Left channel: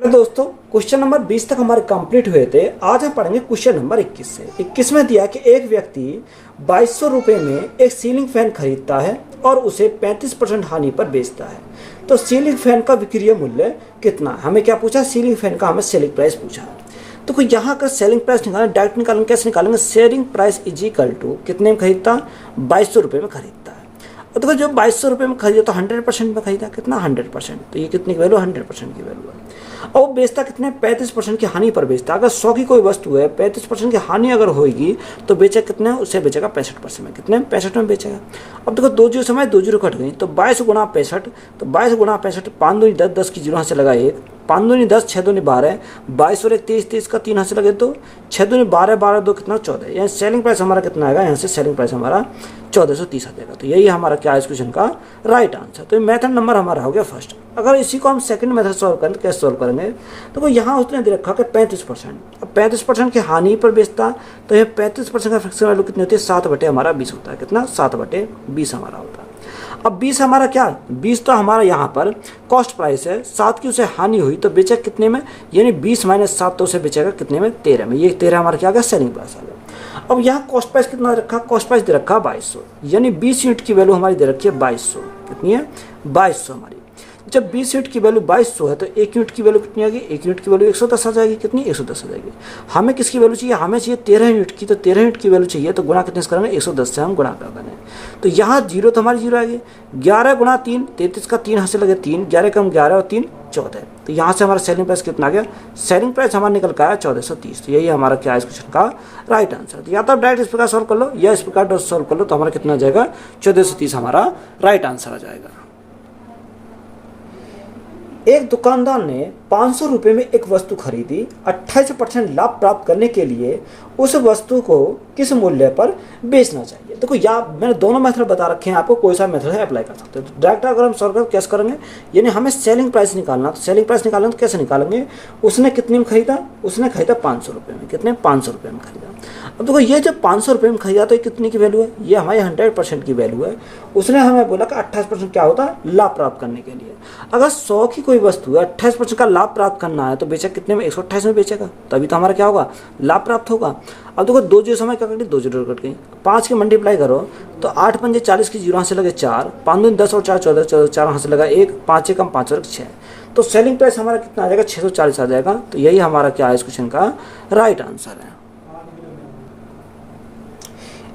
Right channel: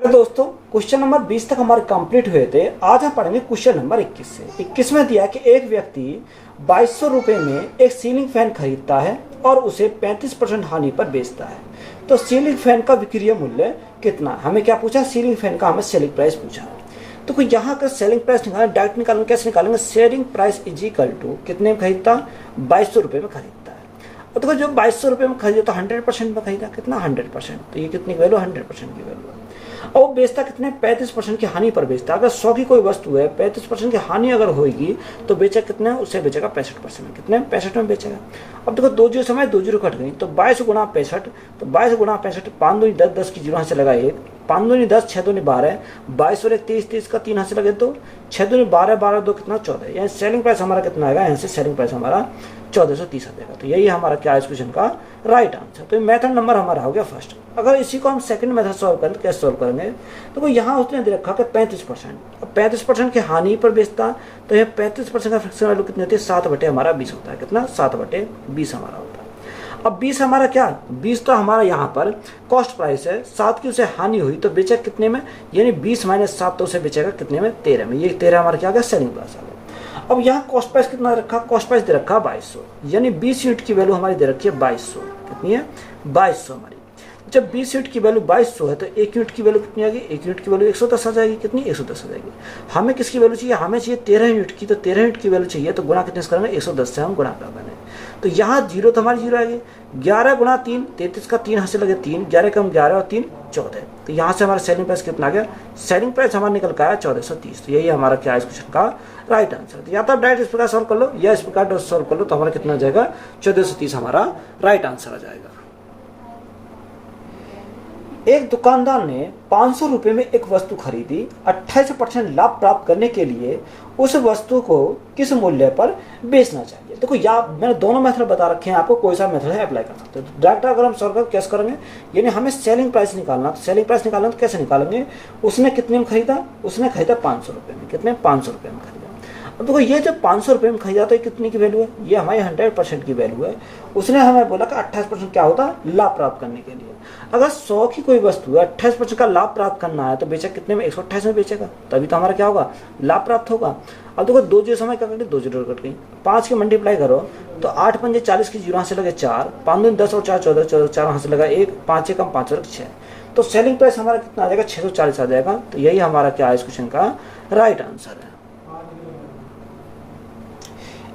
Hello दोस्तों, question number 20 तक हमारे कंप्लीट हुए थे। आज हम पढ़ेंगे क्वेश्चन नंबर 21 से। 21 में दिया कि एक व्यक्ति 2200 रुपये में एक सीलिंग फैन खरीदता है और उसे 35% हानि पर बेचता है। तो सीलिंग फैन का विक्रय मूल्य कितना? हमें क्या पूछा? सीलिंग फैन का हमें सेलिंग प्राइस पूछा। तो कोई यहाँ का सेलिंग प्राइस निकालना, डायरेक्ट निकालेंगे। कैसे निकालेंगे? Selling price is equal to कितने में खरीदता? 2200 रुपये में खरीदता है। तो जो 2200 रुपये में खरीदा तो 100% में खरीदा। कितना? 100%। तो ये कितनी की वैल्यू? 100% की वैल्यू है। और वो बेचता कितने? 35% की हानि पर बेचता। अगर 100 की कोई वस्तु है, 35% की हानि अगर होगी तो बेचे कितने? उसे बेचेगा 65% में। कितने? 65 में बेचेगा। अब देखो 2 जीरो समय 2 जीरो कट गई, तो 22 गुणा 65, तो 22 गुणा 65, 5 दूनी 10, 10 की जीरो यहाँ से लगा 1, 5 दूनी 10, 6 दूनी 12, 22 और 1 23, 23 का 3 यहाँ से लगे 2, 6 दूनी 12, 12 2 कितना? 14। यहाँ सेलिंग प्राइस हमारा कितना आएगा? यहाँ से सेलिंग प्राइस हमारा 1430 आ जाएगा। तो यही हमारा क्या है इस क्वेश्चन का राइट आंसर। तो मेथड नंबर हमारा हो गया फर्स्ट। अगर इसी को हम सेकंड मेथड सॉल्व करें तो कैसे सॉल्व करेंगे? तो यहाँ उसने दे रखा कि 35%। अब 35% की हानि पर बेचता, तो ये 35% का फिक्स वैल्यू कितनी होती है? 7/20 हमारा 20 होता है। कितना? 7/20 हमारा होता है। अब 20 हमारा क्या? 20 तो हमारा यहाँ पर कॉस्ट प्राइस है। 7 की उसे हानि हुई तो बेचा कितने में? यानी 20 माइनस 7, तो उसे बेचेगा कितने में? 13 में। ये 13 हमारा क्या आ गया? सेलिंग प्राइस आ गया। अब यहाँ कॉस्ट प्राइस कितना रखा? कॉस्ट प्राइस दे रखा 2200, यानी 20 यूनिट की वैल्यू हमारी दे रखी है 2200। कितनी है? 2200 हमारी। जब 20 यूनिट की वैल्यू 2200 है तो 1 यूनिट की वैल्यू कितनी आएगी? 1 यूनिट की वैल्यू 110 आ जाएगी। कितनी? 110 आ जाएगी। हमें किसकी वैल्यू चाहिए? हमें चाहिए 13 यूनिट की। तो 13 यूनिट की वैल्यू चाहिए तो गुणा कितने से करेंगे? 110 से हम गुणा कर देंगे। तो यहाँ जीरो तो हमारी जीरो आ गई। 11 गुणा 3, 33 का 3 हासिल लगे 3, 11 कम 11 और 3 14। तो यहाँ से हमारा सेलिंग प्राइस कितना आ गया? सेलिंग प्राइस हमारा निकल का आया 1430। तो यही हमारा क्या है इस क्वेश्चन का राइट आंसर। तो या तो आप डायरेक्ट इस प्रकार सॉल्व कर लो या इस प्रकार सॉल्व कर लो, तो हमारा कितना आ जाएगा? 1430 हमारा राइट आंसर आ जाएगा। एक दुकानदार ने 500 रुपये में एक वस्तु खरीदी। 28% लाभ प्राप्त करने के लिए उस वस्तु को किस मूल्य पर बेचना चाहिए? देखो मैंने दोनों मेथड बता रखे हैं आपको, कोई सा मेथड है अप्लाई कर सकते हो। तो डायरेक्ट अगर हम सॉल्व कर कैसे करेंगे? यानी हमें सेलिंग प्राइस निकालना। तो सेलिंग प्राइस निकालना तो कैसे निकालेंगे? उसने कितने में खरीदा? उसने खरीदा 500 रुपये में। कितने? 500 रुपये में खरीदा। अब देखो ये जब 500 रुपये में खरीदा तो कितने की वैल्यू है? ये हमारी 100% की वैल्यू है। उसने हमें बोला कि 28% क्या होता है? लाभ प्राप्त करने के लिए। अगर 100 की कोई वस्तु है, 28% का लाभ प्राप्त करना है तो बेचा कितने में? 128 में बेचेगा, तभी तो हमारा क्या होगा? लाभ प्राप्त होगा। अब देखो 2 जीरो समय क्या कट गई? 2 जीरो कट गई। 5 की मल्टीप्लाई करो तो 8 पंजे 40 की जीरो यहाँ से लगे 4, 5 दूनी 10 और 4 14, 4 यहाँ से लगा 1, 5 कम 5 और 6। तो सेलिंग प्राइस हमारा कितना आ जाएगा? 640 आ जाएगा। तो यही हमारा क्या है इस क्वेश्चन का राइट आंसर है।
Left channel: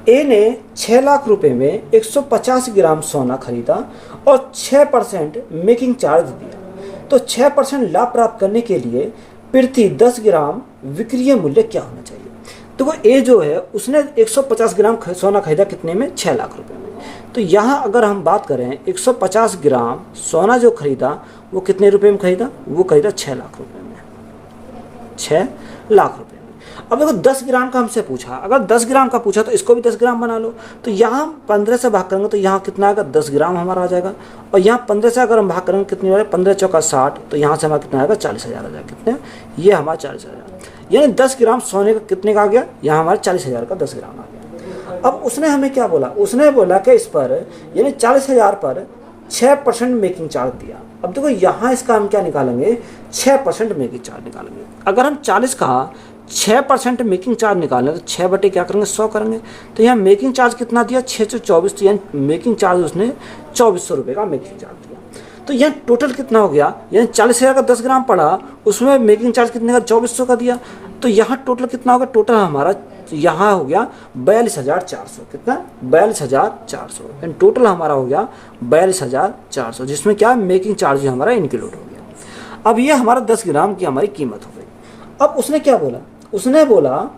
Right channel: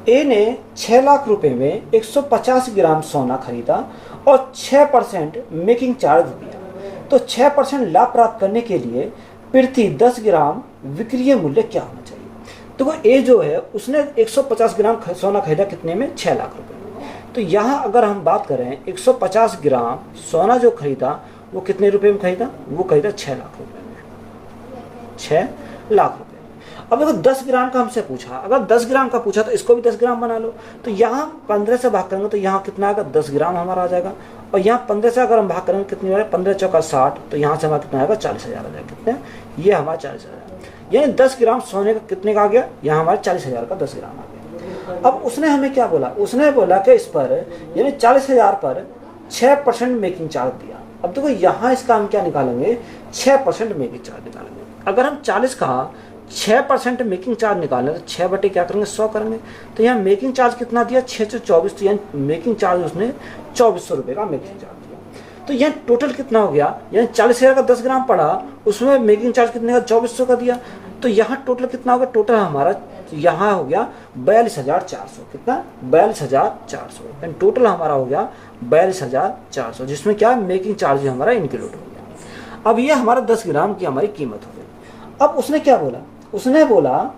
ए ने 6 लाख रुपए में 150 ग्राम सोना खरीदा और 6% मेकिंग चार्ज दिया। तो 6% लाभ प्राप्त करने के लिए प्रति 10 ग्राम विक्रय मूल्य क्या होना चाहिए? तो वो ए जो है उसने 150 ग्राम सोना खरीदा कितने में? 6 लाख रुपए में। तो यहाँ अगर हम बात करें 150 ग्राम सोना जो खरीदा वो कितने रुपए में खरीदा? वो खरीदा 6 लाख रुपए में। 6 लाख रुपए। अब देखो 10 ग्राम का हमसे पूछा। अगर 10 ग्राम का पूछा तो इसको भी 10 ग्राम बना लो। तो यहाँ 15 से भाग करेंगे तो यहाँ कितना आएगा? 10 ग्राम हमारा आ जाएगा। और यहाँ 15 से अगर हम भाग करेंगे कितनी आएगा? 15 चौका 60, तो यहाँ से हमारा कितना आएगा? 40,000 आ जाएगा। कितने? ये हमारा 40,000। यानी 10 ग्राम सोने का कितने का आ गया? यहाँ हमारा 40,000 का 10 ग्राम आ गया। अब उसने हमें क्या बोला? उसने बोला कि इस पर यानी 40,000 पर 6% मेकिंग चार्ज दिया। अब देखो यहाँ इसका हम क्या निकालेंगे? 6% मेकिंग चार्ज निकालेंगे। अगर हम 40 का 6% मेकिंग चार्ज निकालें तो 6 बटे क्या करेंगे? 100 करेंगे। तो यहाँ मेकिंग चार्ज कितना दिया? 624। तो यानी मेकिंग चार्ज उसने 2400 रुपये का मेकिंग चार्ज दिया। तो यह टोटल कितना हो गया? यानी 40,000 का 10 ग्राम पड़ा, उसमें मेकिंग चार्ज कितने का? 2400 का दिया। तो यहाँ टोटल कितना होगा? टोटल हमारा यहाँ हो गया 42,400। कितना? 42,400। यानी टोटल हमारा हो गया 42,400, जिसमें क्या मेकिंग चार्ज हमारा इंक्लूड हो गया। अब ये हमारा 10 ग्राम की हमारी कीमत हो गई। अब उसने क्या बोला? उसने बोला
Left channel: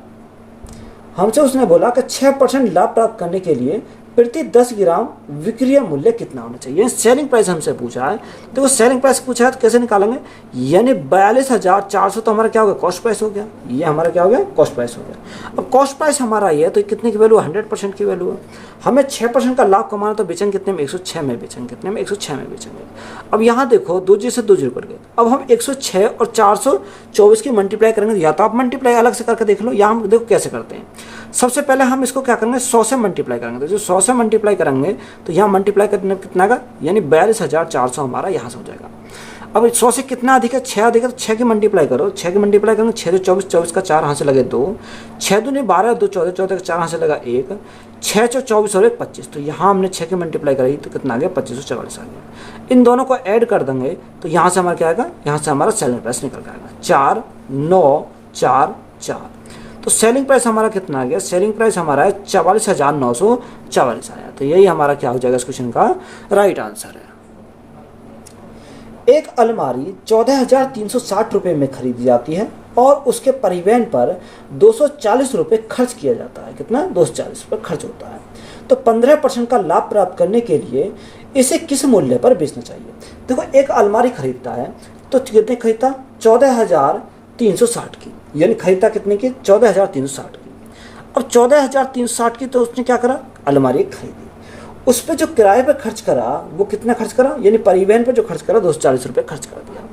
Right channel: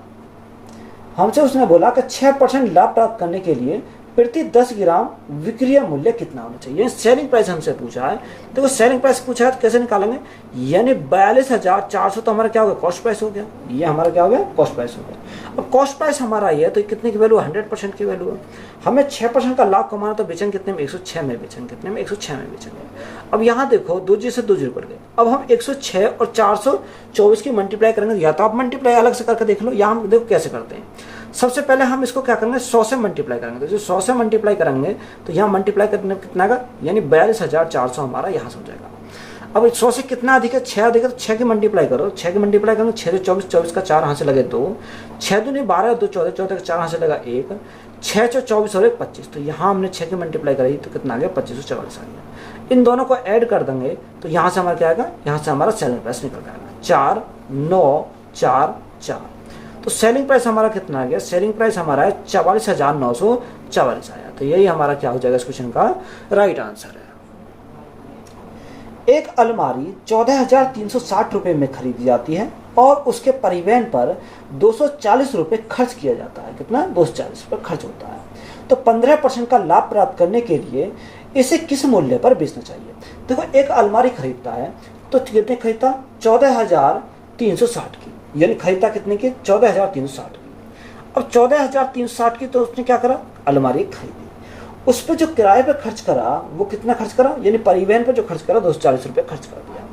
कि 6% लाभ प्राप्त करने के लिए प्रति 10 ग्राम विक्रय मूल्य कितना होना चाहिए? सेलिंग प्राइस हमसे पूछा है। देखो सेलिंग प्राइस पूछा है तो कैसे निकालेंगे? यानी 42,400 तो हमारा क्या हो गया? कॉस्ट प्राइस हो गया। ये हमारा क्या हो गया? कॉस्ट प्राइस हो गया। अब कॉस्ट प्राइस हमारा ये तो कितने की वैल्यू? 100% की वैल्यू है। हमें 6% का लाभ कमाना तो बेचेंगे कितने में? 106 में बेचेंगे। कितने में? 106 में बेचेंगे। अब यहाँ देखो 2 जीरो से 2 जीरो कट गए। अब हम 106 और 424 की मल्टीप्लाई करेंगे। या तो आप मल्टीप्लाई अलग से करके देख लो, या हम देखो कैसे करते हैं। सबसे पहले हम इसको क्या करेंगे? 100 से मल्टीप्लाई करेंगे। तो जो 100 से मल्टीप्लाई करेंगे तो यहाँ मल्टीप्लाई करने कितना का? यानी 42,400 हमारा यहाँ से हो जाएगा। अब 100 से कितना अधिक है, 6 अधिक है, तो 6 की मल्टीप्लाई करो, 6 की मल्टीप्लाई करेंगे 6 से 24, 24 का 4 हाथ से लगे 2, 6 दूनी 12, 2 14, 14 का 4 हाथ से लगा 1, 6 से 24 और 1 25, तो यहाँ हमने 6 की मल्टीप्लाई करी तो कितना आ गया 2544 आ गया। इन दोनों को ऐड कर देंगे तो यहाँ से हमारा क्या आएगा, यहाँ से हमारा सेलिंग प्राइस निकल जाएगा 4 9 4 4। तो सेलिंग प्राइस हमारा कितना आ गया, सेलिंग प्राइस हमारा है 44,944 आया। तो यही हमारा क्या हो जाएगा इस क्वेश्चन का राइट आंसर है। एक अलमारी 14,360 रुपये में खरीदी जाती है और उसके परिवहन पर 240 रुपये खर्च किया जाता है। कितना, 240 रुपये खर्च होता है। तो 15% का लाभ प्राप्त करने के लिए इसे किस मूल्य पर बेचना चाहिए। देखो, एक अलमारी खरीदता है तो कितने खरीदता, 14,360 की, यानी खरीदता कितने की, 14,360 की। अब 14,360 की तो उसने क्या करा, अलमारी खरीदी, उस पर जो किराए पर खर्च करा वो कितना खर्च करा, यानी परिवहन पर जो खर्च करा 240 रुपये खर्च कर दिया।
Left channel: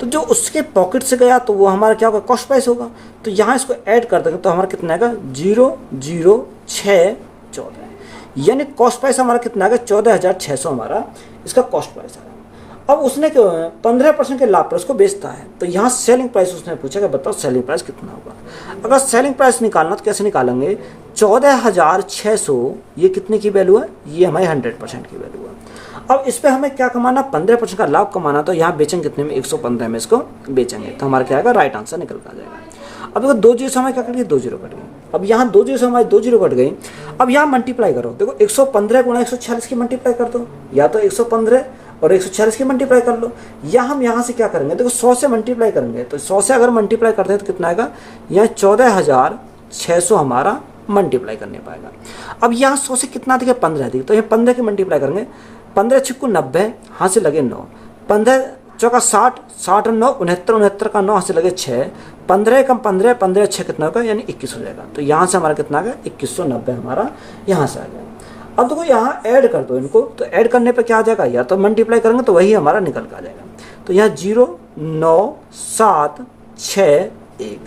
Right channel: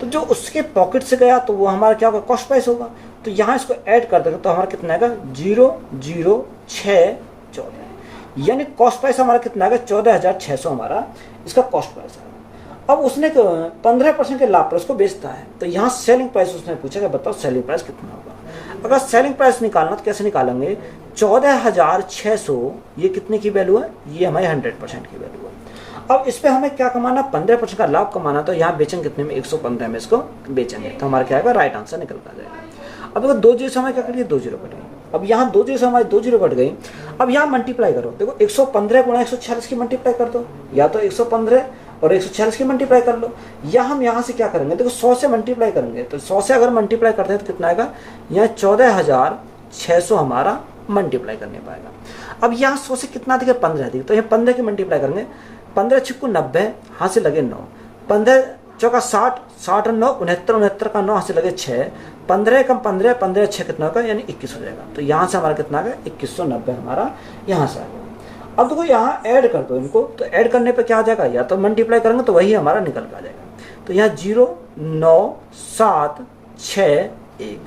तो जो उसके पॉकेट से गया तो वो हमारा क्या होगा, कॉस्ट प्राइस होगा। तो यहाँ इसको ऐड कर देंगे तो हमारा कितना आएगा, 0,0,6,14, यानी कॉस्ट प्राइस हमारा कितना आएगा, 14,600 हमारा इसका कॉस्ट प्राइस है। अब उसने 15% के लाभ पर उसको बेचता है, तो यहाँ सेलिंग प्राइस उसने पूछा कि बताओ सेलिंग प्राइस कितना होगा। अगर सेलिंग प्राइस निकालना तो कैसे निकालेंगे, 14,600 ये कितने की वैल्यू है, ये हमारी 100% की वैल्यू है। अब इस पे हमें क्या कमाना, 15% का लाभ कमाना। तो यहाँ बेचेंगे कितने में, 115 में इसको बेचेंगे, तो हमारा क्या आएगा, राइट आंसर निकल कर जाएगा। अब देखो 2 जीरो से हमारे क्या कट गई, 2 जीरो कट गई। अब यहाँ 2 जीरो से हमारी 2 जीरो कट गई। अब यहाँ मल्टीप्लाई करो, देखो 115 गुणा 146 की मल्टीप्लाई कर दो, या तो 115 और 146 की मल्टीप्लाई कर लो, या हम यहाँ से क्या करेंगे, देखो 100 से मल्टीप्लाई करेंगे। तो 100 से अगर मल्टीप्लाई करते हैं तो कितना आएगा, यहाँ 14,600 हमारा मल्टीप्लाई करने पाएगा। अब यहाँ 100 से कितना अधिक है, 15 अधिक, तो ये 15 की मल्टीप्लाई करेंगे, 15 छिक्कू 90, हाथ से लगे 9, 15 चौका 60, 60 और 9 69, 69 का 9 हाथ से लगे 6, 15 कम 15, 15 6 कितना होगा, यानी 21 हो जाएगा। तो यहाँ से हमारा कितना आ गया, 2190 हमारा यहाँ से आ गया। अब देखो यहाँ ऐड कर दो इनको, तो ऐड करने पे क्या आ जाएगा, या तो मल्टीप्लाई करेंगे तो वही हमारा निकल कर आ जाएगा। तो यहाँ 0 9 7 6 1,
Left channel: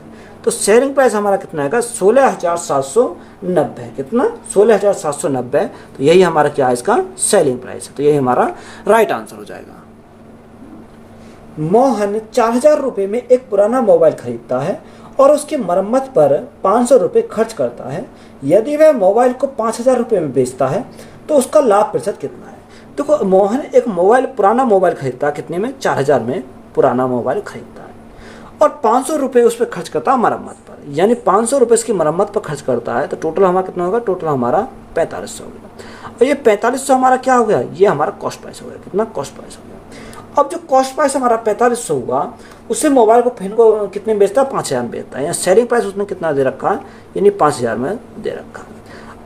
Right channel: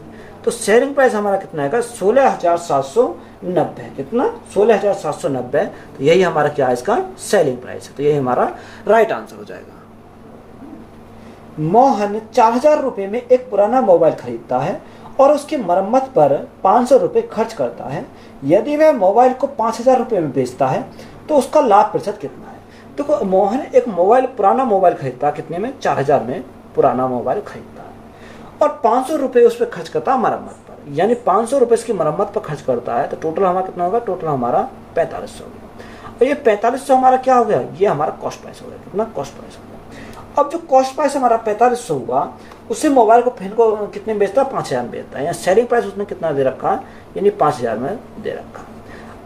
तो सेलिंग प्राइस हमारा कितना आएगा, 16,790। कितना, 16,790। तो यही हमारा क्या है, इसका सेलिंग प्राइस है। तो यही हमारा राइट आंसर हो जाएगा। मोहन 4,000 रुपये में एक पुराना मोबाइल खरीदता है और उसकी मरम्मत पर 500 रुपये खर्च करता है। यदि वह मोबाइल को 5,000 रुपये में बेचता है तो उसका लाभ प्रतिशत कितना है। देखो, मोहन एक पुराना मोबाइल खरीदता है, कितने में, 4,000 में पुराना मोबाइल खरीदता है और 500 रुपये उस पर खर्च करता है मरम्मत पर, यानी 500 रुपये इसकी मरम्मत पर खर्च करता है। तो टोटल हमारा कितना होगा, टोटल हमारा 4500 होगा। और ये 4500 हमारा क्या हो गया, ये हमारा कॉस्ट प्राइस हो गया। कितना, कॉस्ट प्राइस हो गया। अब जो कॉस्ट प्राइस हमारा 4500 हुआ, उससे मोबाइल को फिर को कितने में बेचता है, 5,000 में बेचता है। यहाँ सेलिंग प्राइस उसने कितना दे रखा है, यानी 5,000 में दे रखा है।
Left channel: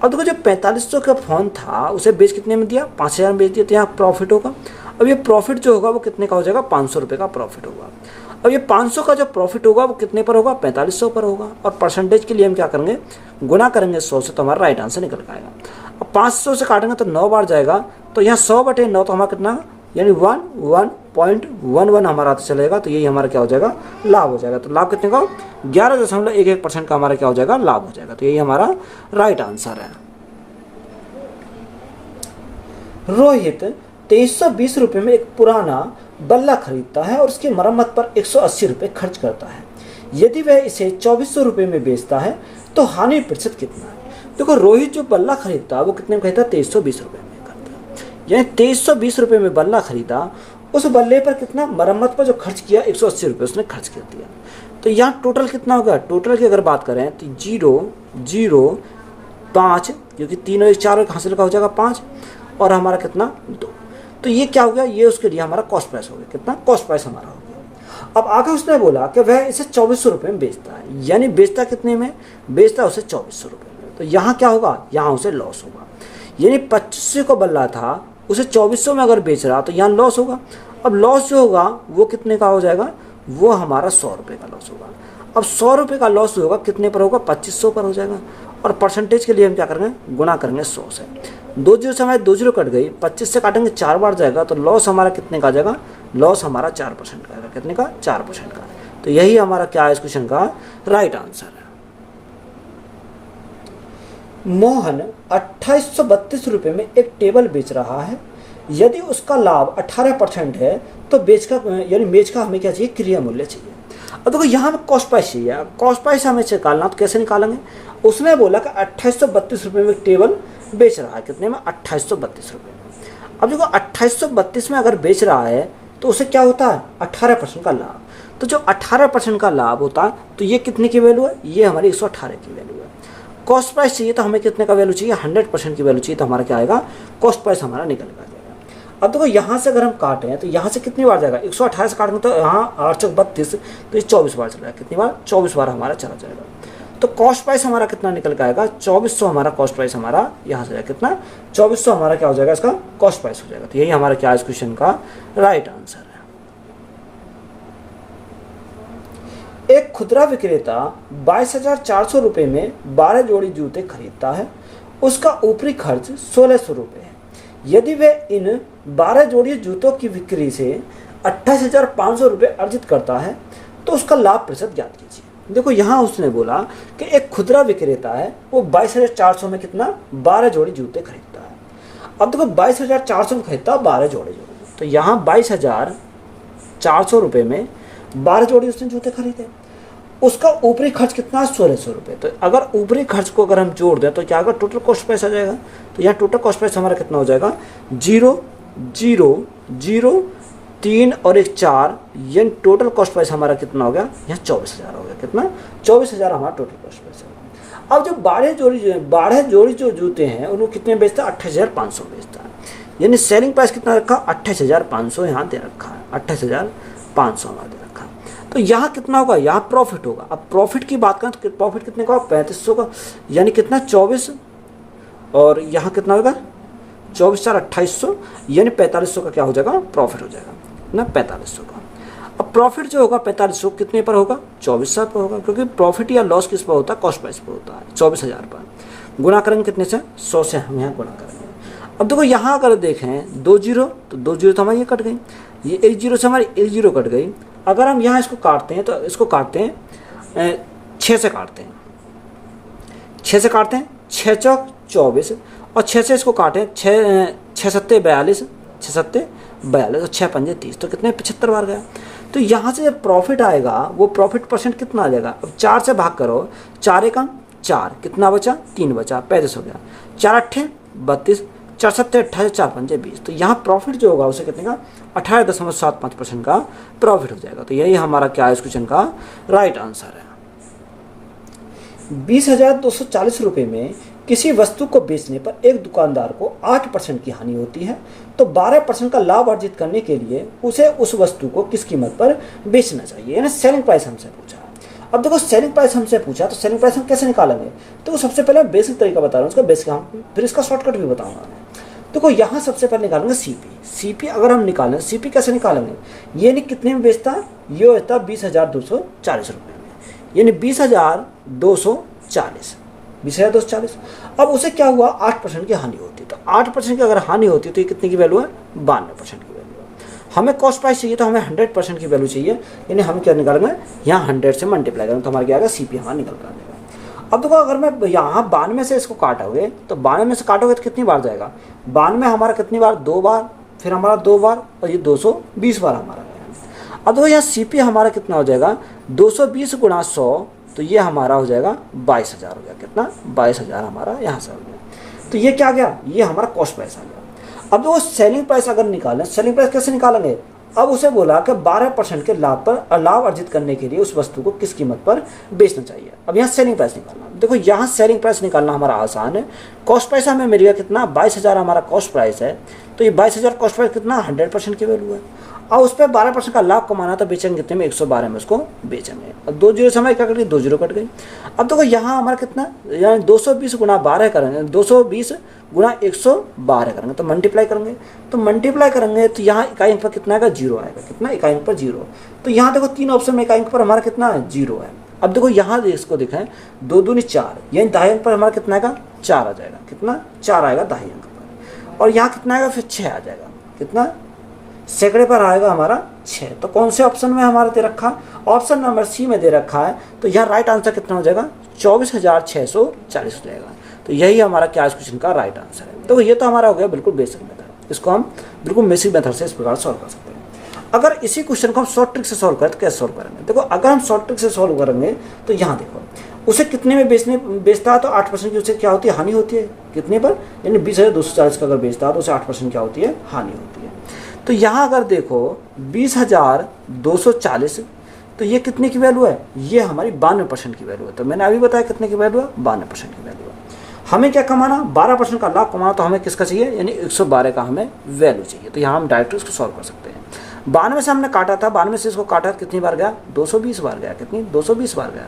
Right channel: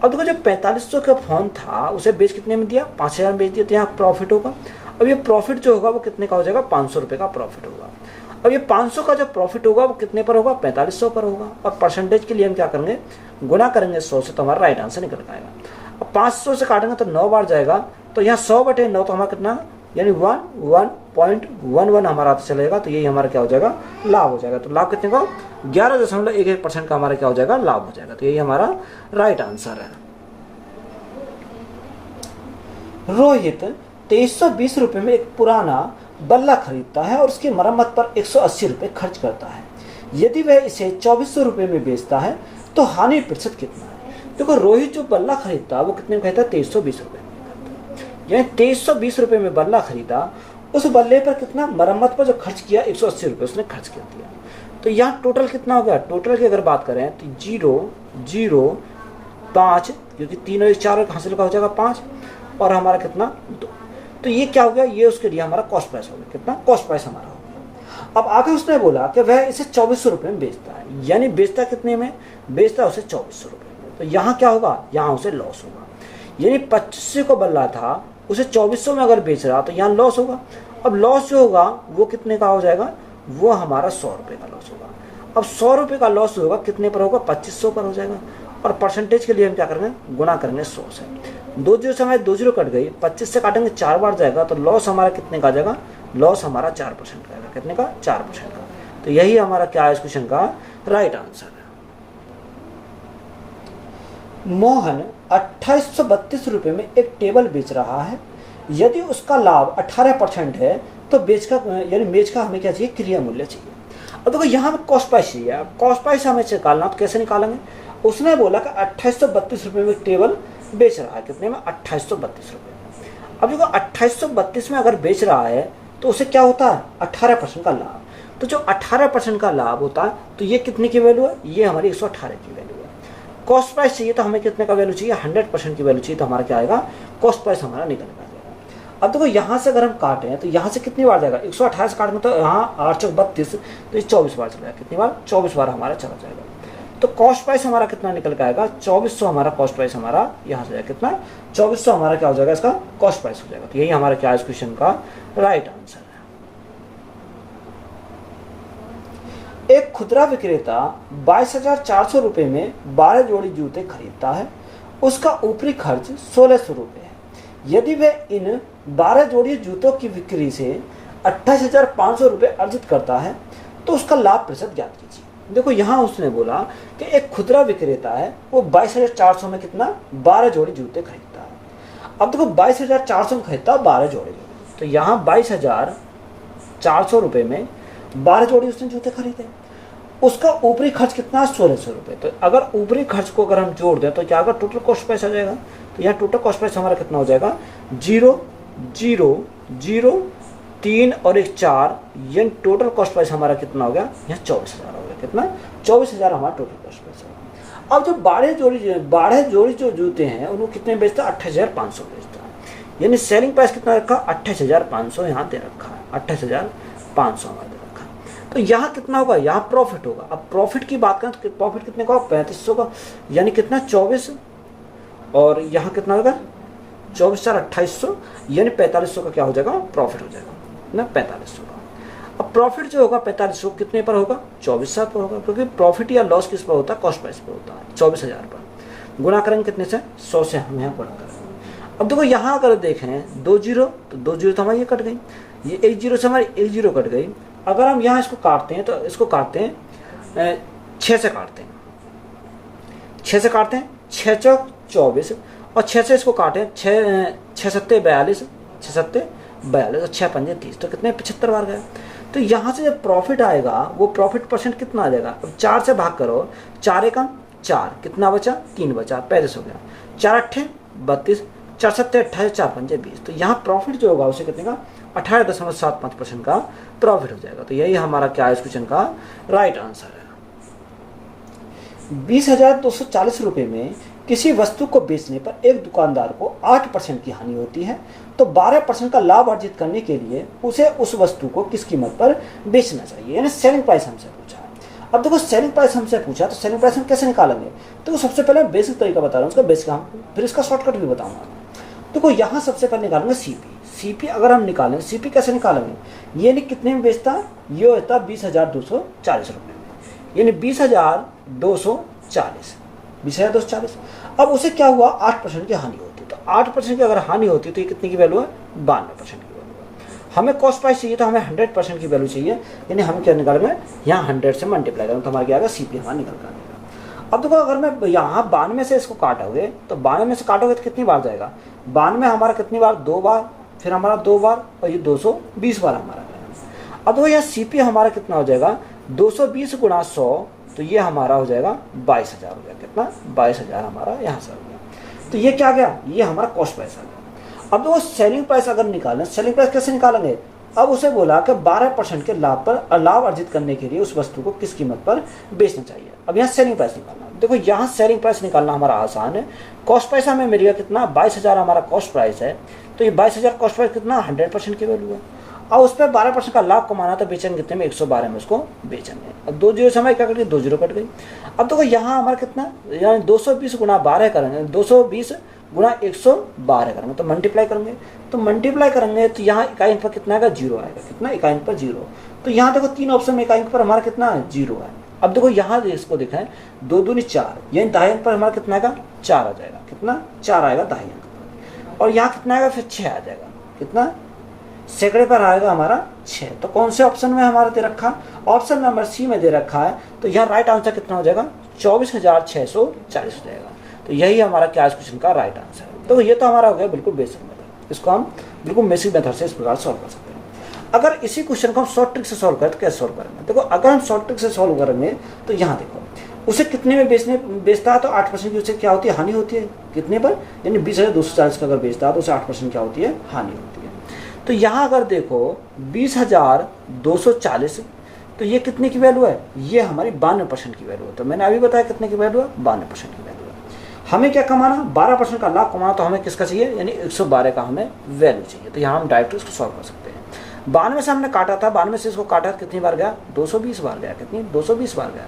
अब देखो, जो 4500 का फोन था उसे बेच कितने में दिया, 5,000 में बेच दिया, तो यहाँ प्रॉफिट होगा। अब ये प्रॉफिट जो होगा वो कितने का हो जाएगा, 500 रुपये का प्रॉफिट होगा। अब ये 500 का जो प्रॉफिट होगा वो कितने पर होगा, 4500 पर होगा। और परसेंटेज के लिए हम क्या करेंगे, गुना करेंगे 100 से, तो हमारा राइट आंसर निकल आएगा। अब 500 से काटेंगे तो 9 बार जाएगा, तो यहाँ 100/9 तो हमारा कितना, यानी 1.11 हमारा चलेगा। तो यही हमारा क्या हो जाएगा, लाभ हो जाएगा। तो लाभ कितने का, 11.11% का हमारा क्या हो जाएगा, लाभ हो जाएगा। तो यही हमारा राइट आंसर है। रोहित 2320 रुपये में एक पुराना बल्ला खरीदता है और उसकी मरम्मत पर 180 रुपये खर्च करता है। यदि वह इसे 2400 रुपये में बेचता है तो हानि प्रतिशत कितना है। देखो, रोहित जो बल्ला खरीदता है वो कितने में खरीदता है, 2320 रुपये में खरीदता है, यानी 2320 रुपये में बल्ला खरीदा, उस बल्ले पर कितना, मरम्मत पर जो खर्च किया 180 रुपये उसने खर्च कर दिया। तो यहाँ टोटल कितना होगा, टोटल की अगर बात करें तो 0 0 5, क्योंकि 3 और 4 हासिल का हो जाएगा 5, और हमारा कितना 2। तो ये क्या हो गया, ये उसके लिए हमारा कॉस्ट प्राइस हो गया। कितना, कॉस्ट प्राइस हमारा हो गया। अब आगे उसने बोला कि वह इसे 2400 रुपये में बेचता है, यानी बेचता कितने में, बेचता उसे 2400 रुपये में। तो यहाँ क्या होगा, यहाँ उसे लॉस होगा, यानी 2500 को बल्ला था उसे 2400 में अगर बेच रहा तो यहाँ लॉस होगा। अब लॉस जो होगा वो कितने का हो जाएगा, वो हमारा 100 रुपये का लॉस होगा। अब 100 रुपये का लॉस होगा, कितने पर होगा, 2500 पर हो जाएगा। और परसेंटेज के लिए हम क्या करेंगे, गुना करेंगे 100 से। 2 जीरो से हमारे 2 जीरो कट गई, 25 से काटेंगे 4 बार जाएगा, तो लॉस हमारा कितने का आ जाएगा, लॉस हमारा 4% का आएगा। कितने का, 4% का। तो यही हमारा क्या है इस क्वेश्चन का राइट आंसर है। मोहन 2832 रुपये में एक टेबल बेच रहा है। यदि उसका लाभ 18% है तो बेच का यानी मेज का हमें क्या चाहिए, क्रिया मूल्य चाहिए। अब देखो यहाँ हमें कॉस्ट प्राइस चाहिए। कॉस्ट प्राइस हमें निकालना तो कैसे निकालेंगे, उसने बोला कि 2832 रुपये में टेबल बेच रहा है, कितने में, 2832 रुपये में। अब देखो 2832 में अगर बेच रहा है तो उसे क्या होता है, 18% का लाभ। तो जो 18% का लाभ होता है तो ये कितने की वैल्यू है, ये हमारी 118 की वैल्यू है। कॉस्ट प्राइस चाहिए तो हमें कितने का वैल्यू चाहिए, 100% की वैल्यू चाहिए, तो हमारा क्या आएगा, कॉस्ट प्राइस हमारा निकल जाएगा। अब देखो यहाँ से अगर हम काटें तो यहाँ से कितनी बार जाएगा, 118 से काटेंगे तो यहाँ 832, तो ये 24 बार चला जाएगा, कितनी बार, 24 बार हमारा चला जाएगा। तो कॉस्ट प्राइस हमारा कितना निकल के आएगा, 2400 हमारा कॉस्ट प्राइस हमारा यहाँ से जाएगा, कितना, 2400 हमारा क्या हो जाएगा, इसका कॉस्ट प्राइस हो जाएगा। तो यही हमारा क्या इस क्वेश्चन का राइट आंसर है। एक खुदरा विक्रेता 22,400 रुपये में 12 जोड़ी जूते खरीदता है, उसका ऊपरी खर्च 1,600 रुपये है। यदि वह इन 12 जोड़ी जूतों की बिक्री से 28,500 रुपये अर्जित करता है तो उसका लाभ प्रतिशत ज्ञात कीजिए। देखो यहाँ उसने बोला कि एक खुदरा विक्रेता है, वो 22,400 में कितना, 12 जोड़ी जूते खरीदता है। अब देखो 22,400 में खरीदता है 12 जोड़ी, तो यहाँ 22,400 रुपये में 12 जोड़ी उसने जूते खरीदे, उसका ऊपरी खर्च कितना, 1,600 रुपये। तो अगर ऊपरी खर्च को अगर हम जोड़ दें तो क्या होगा, टोटल कॉस्ट प्राइस आ जाएगा। तो यहाँ टोटल कॉस्ट प्राइस हमारा कितना हो जाएगा, 0 0 0 3 और 1 4, यानी टोटल कॉस्ट प्राइस हमारा कितना हो गया, यहाँ 24,000 हो गया, कितना, 24,000 हमारा टोटल कॉस्ट प्राइस होगा। अब जो 12 जोड़ी जो जूते हैं उनको कितने बेचता है, 28,500 बेचता है, यानी सेलिंग प्राइस कितना रखा, 28,500 यहाँ दे रखा है, 28,500 हमारा दे रखा है। तो यहाँ कितना होगा, यहाँ प्रॉफिट होगा। अब प्रॉफिट की बात करें तो प्रॉफिट कितने का, 3500 का, यानी कितना, 24, और यहाँ कितना होगा, 24,2800, यानी 4500 का क्या हो जाएगा, प्रॉफिट हो जाएगा ना, 4500 का। अब प्रॉफिट जो होगा 4500 कितने पर होगा, 24,000 पर होगा, क्योंकि प्रॉफिट या लॉस किस पर होता है, कॉस्ट प्राइस पर होता है, 24,000 पर। गुणा करेंगे कितने से, 100 से हम यहाँ गुणा करेंगे। अब देखो यहाँ अगर देखें 2 जीरो, तो 2 जीरो तो हमारी ये कट गई, ये 1 जीरो से हमारी 1 जीरो कट गई। अगर हम यहाँ इसको काटते हैं तो इसको काटते हैं 6 से काटते हैं, 6 से काटते हैं, 6 चौक 24, और 6 से इसको काटें, 6 सत्ते 42, 6 सत्ते 42 और 6 पंजे 30, तो कितने, 75 बार गया। तो यहाँ से जब प्रॉफिट आएगा वो प्रॉफिट परसेंट कितना आ जाएगा, अब 4 से भाग करो, 4 एकम 4, कितना बचा, 3 बचा, 35 हो गया, 4 अट्ठे 32, 4 सत्ते 28, 4 पंजे 20। तो यहाँ प्रॉफिट जो होगा उसे कितने का, 18.75% का प्रॉफिट हो जाएगा। तो यही हमारा क्या है इस क्वेश्चन का राइट आंसर है। 20,240 रुपये में किसी वस्तु को बेचने पर एक दुकानदार को 8% की हानि होती है, तो 12% का लाभ अर्जित करने के लिए उसे उस वस्तु को किस कीमत पर बेचना चाहिए, यानी सेलिंग प्राइस हमसे पूछा। अब देखो सेलिंग प्राइस हमसे पूछा तो सेलिंग प्राइस हम कैसे निकालेंगे, तो सबसे पहले बेसिक तरीका बता रहा हूँ उसका, बेसिक हम फिर इसका शॉर्टकट भी बताऊंगा। देखो यहाँ सबसे पहले निकालेंगे सीपी अगर हम निकालें, सीपी कैसे निकालेंगे, ये नहीं कितने में बेचता, ये होता 20,240 रुपये में, यानी 20,240, 20,240। अब उसे क्या हुआ, 8% की हानि होती है, तो 8% की अगर हानि होती है तो ये कितने की वैल्यू है, 92% की वैल्यू है। हमें कॉस्ट प्राइस चाहिए तो हमें 100% की वैल्यू चाहिए, यानी हम क्या निकालेंगे, यहाँ 100 से मल्टीप्लाई करेंगे तो हमारा क्या आएगा, सीपी हमारा निकल कर आएगा। अब देखो अगर मैं यहाँ 92 से इसको काटोगे तो 92 से काटोगे तो कितनी बार जाएगा, 92 हमारा कितनी बार, 2 बार, फिर हमारा 2 बार, और ये 220 बार हमारा है। अब देखो यहाँ सीपी हमारा कितना हो जाएगा, 220 गुणा 100, तो ये हमारा हो जाएगा 22,000 हो गया, कितना, 22,000 हमारा यहाँ से हो गया। तो ये क्या गया, ये हमारा कॉस्ट प्राइस आ गया। अब वो सेलिंग प्राइस अगर निकालें, सेलिंग प्राइस कैसे निकालेंगे, अब उसे बोला कि 12% के लाभ अर्जित करने के लिए उस वस्तु को किस कीमत पर बेचना चाहिए। अब यहाँ सेलिंग प्राइस निकालना, देखो यहाँ सेलिंग प्राइस निकालना हमारा आसान है। कॉस्ट प्राइस हमें मिल गया कितना, 22,000 हमारा कॉस्ट प्राइस है, तो ये 22,000 कॉस्ट प्राइस कितना, 100% की वैल्यू है, और उस पर 12% का लाभ कमाना, तो बेचेंगे कितने में, 112 में उसको बेचेंगे। अब 2 जीरो से हमारी क्या कट गई, 2 जीरो कट गई। अब देखो यहाँ हमारा कितना, यहाँ 220 गुणा 12 करेंगे, 220 गुणा 112 करेंगे, तो मल्टीप्लाई करेंगे, तो यहाँ इकाई अंक पर कितना आएगा, 0 आएगा, कितना, इकाई अंक पर 0। तो यहाँ देखो 3 ऑप्शन में इकाई अंक पर हमारा कितना है, 0 है। अब देखो यहाँ इसको देखें, 2 दूनी 4, यानी दाहिने अंक पर हमारा कितना आएगा, 4 आ जाएगा, कितना, 4 आएगा दाहिने अंक पर, और यहाँ कितना आएगा, फिर 6 आ जाएगा, कितना, सैकड़े पर आएगा हमारा 6। तो कौन से ऑप्शन में हमारा दे रखा, ऑप्शन नंबर सी में दे रखा है, तो यहाँ राइट आंसर कितना हो जाएगा, 24,640 हो जाएगा। तो यही हमारा क्या इस क्वेश्चन का राइट आंसर है। तो ये तो हमारा हो गया बिल्कुल बेसिक मेथड। इसको हम बिल्कुल बेसिक मेथड से इस प्रकार सॉल्व कर सकते हैं। अगर इसी क्वेश्चन को हम शॉर्ट ट्रिक से सॉल्व करें तो कैसे सॉल्व करेंगे? देखो, अगर हम शॉर्ट ट्रिक से सॉल्व करेंगे तो यहाँ देखो, उसे कितने में बेचता है तो 8% की उसे क्या होती है, हानि होती है। कितने पर? यानी 20,240 का अगर बेचता है तो उसे 8% क्या होती है, हानि होती है। तो यहाँ अगर देखो 20,240, तो ये कितने की वैल्यू है? ये हमारी 52% की वैल्यू है। तो मैंने अभी बताया कितने की वैल्यू है, 52% की वैल्यू है। हमें क्या कमाना, 12% का लाभ कमाना, तो हमें किसका चाहिए, यानी 112 का हमें वैल्यू चाहिए। तो यहाँ हम डायरेक्ट इसको सॉल्व कर सकते हैं। 92 से हमने काटा था, 92 से इसको काटा कितनी बार गया, 220 बार गया। कितनी? 220 बार गया।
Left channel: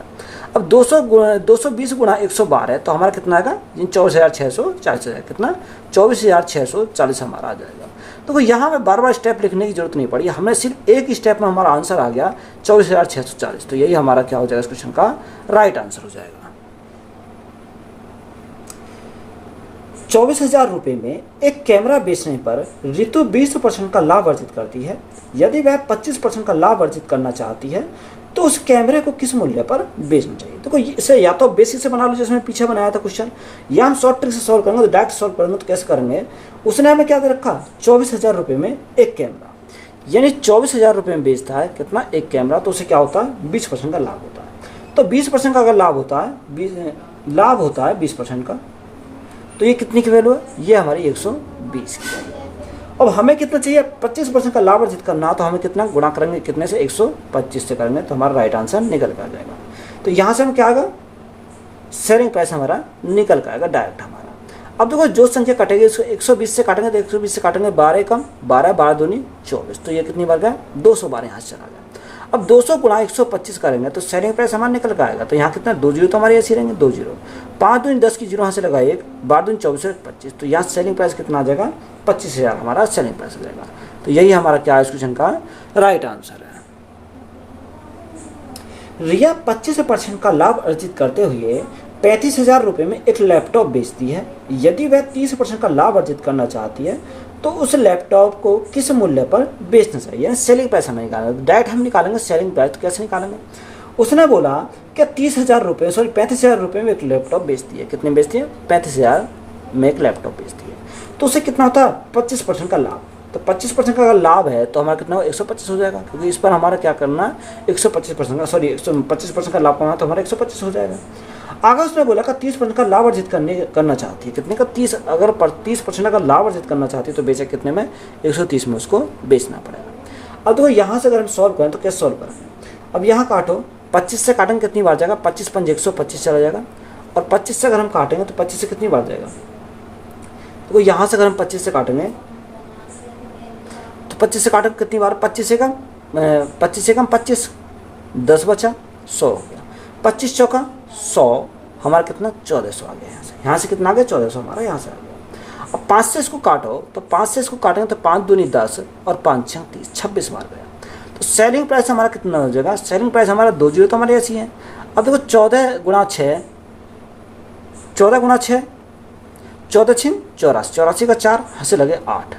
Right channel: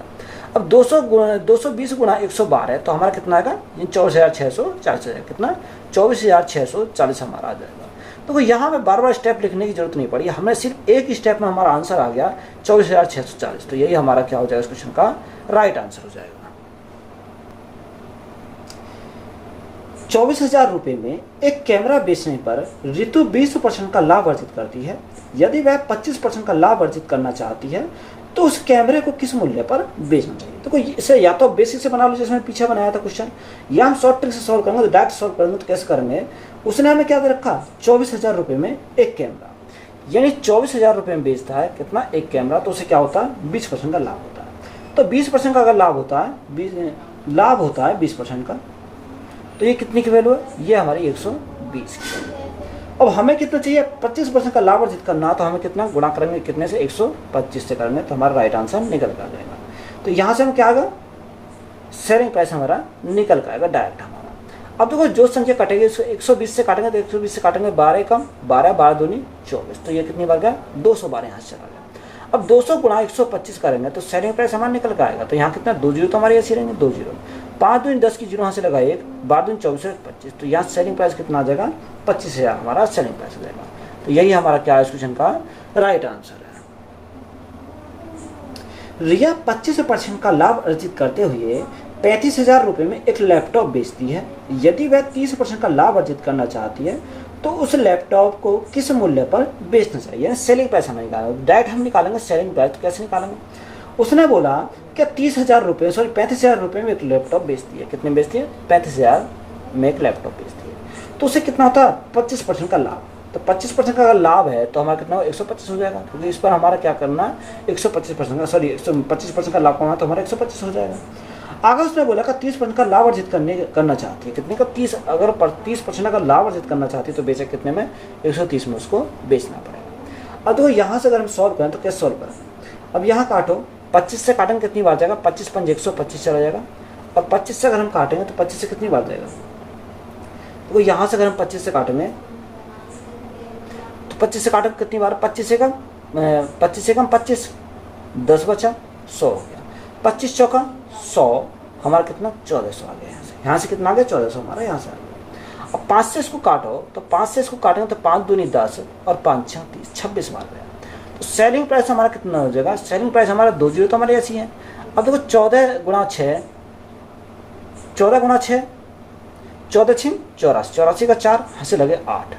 अब 220 गुणा 112 तो हमारा कितना आएगा, 24,640 है। कितना? 24,640 हमारा आ जाएगा। तो यहाँ पे बार बार स्टेप लिखने की जरूरत नहीं पड़ी, हमें सिर्फ एक स्टेप में हमारा आंसर आ गया 24,640। तो यही हमारा क्या हो जाएगा, इस क्वेश्चन का राइट आंसर हो जाएगा। 24,000 रुपये में एक कैमरा बेचने पर ऋतु 20% का लाभ अर्जित करती है। यदि वह 25% का लाभ अर्जित करना चाहती है तो उस कैमरे को किस मूल्य पर बेचना चाहिए? तो इसे या तो बेसिक से बना लो जैसे मैं पीछे बनाया था क्वेश्चन, या हम शॉर्ट ट्रिक से सॉल्व करेंगे। तो डायरेक्ट सॉल्व करेंगे तो कैसे करेंगे? उसने हमें क्या दे रखा, 24,000 रुपये में एक कैमरा, यानी 24,000 रुपये में बेचता है कितना, एक कैमरा। तो उसे क्या होता है, 20% का लाभ होता है। तो 20% का अगर लाभ होता है, 20% का, तो ये कितनी की वैल्यू है, ये हमारी 120 की वैल्यू है। अब हमें कितना चाहिए, 25% का लाभ अर्जित करना है। तो हमें कितना गुणा करेंगे, कितने से, 125 से करेंगे, तो हमारा राइट आंसर निकल कर जाएगा। तो यहाँ से हम क्या आएगा, सेलिंग प्राइस हमारा निकल कर आएगा डायरेक्ट हमारा। अब देखो जो संख्या कटेगी, इसको 120 से काटेंगे तो 120 से काटेंगे 12 कम 12, 12 दूनी 24। तो ये कितनी बार गया, 212 यहाँ से चला गया। अब 200 गुणा 125 करेंगे तो सेलिंग प्राइस हमारा निकल कर आएगा। तो यहाँ कितना, 2 जीरो तो हमारे ऐसे रहेंगे, 2 जीरो, 5 दूनी 10 की जीरो यहाँ से लगा 1, 12 दूनी 24, 25। तो यहाँ सेलिंग प्राइस कितना आ जाएगा, 25,000 हमारा सेलिंग प्राइस हो जाएगा। तो यही हमारा क्या है, इस क्वेश्चन का राइट आंसर है। रिया 25% का लाभ अर्जित करते हुए 35,000 रुपये में एक लैपटॉप बेचती है। यदि वह 30% का लाभ अर्जित करना चाहती है तो उस लैपटॉप को किस मूल्य पर बेचना चाहिए? सेलिंग प्राइस हमें निकालना, डायरेक्ट हम निकालेंगे सेलिंग प्राइस। तो कैसे निकालेंगे? उसने बोला कि 35,000 रुपये में एक लैपटॉप बेचती है। कितने बेचती है? 35,000 में एक लैपटॉप बेचती है। तो उससे कितना होता है, 25% का लाभ। तो 25% का अगर लाभ है तो हमारा कितना, 125 हो जाएगा, क्योंकि इस पर हमारा क्या करना, 125% का, सॉरी 125% का लाभ करना, तो हमारा 125 हो जाएगा। आगे उसने बोला कि 30% का लाभ अर्जित करना चाहती है। कितने का, 30। अगर 30% का लाभ अर्जित करना चाहती है तो बेचे कितने में, 130 में उसको बेचना पड़ेगा। अब तो यहाँ से अगर हम सॉल्व करें तो कैसे सॉल्व करें? अब यहाँ काटो, 25 से काटेंगे कितनी बार जाएगा, 25 पंज 125 चला जाएगा। और 25 से अगर हम काटेंगे तो 25 से कितनी बार जाएगा, तो यहाँ से अगर हम 25 से काटेंगे तो 25 से काटेंगे कितनी बार, 25 से कम 25, 10 बचा 100 हो गया, 25 चौका 100, हमारा कितना, 1400 आ गया। यहाँ से कितना आ गया, 1400 हमारा यहाँ से आ गया। अब 5 से इसको काटो, तो 5 से इसको काटेंगे तो 5 दूनी 10 और 5 6 30, 26 मार गया। तो सेलिंग प्राइस हमारा कितना हो जाएगा, सेलिंग प्राइस हमारा 2 जीरो तो हमारे ऐसी है। अब देखो 14 गुणा 6, 14 6, 84 का 4 यहाँ से लगे 8,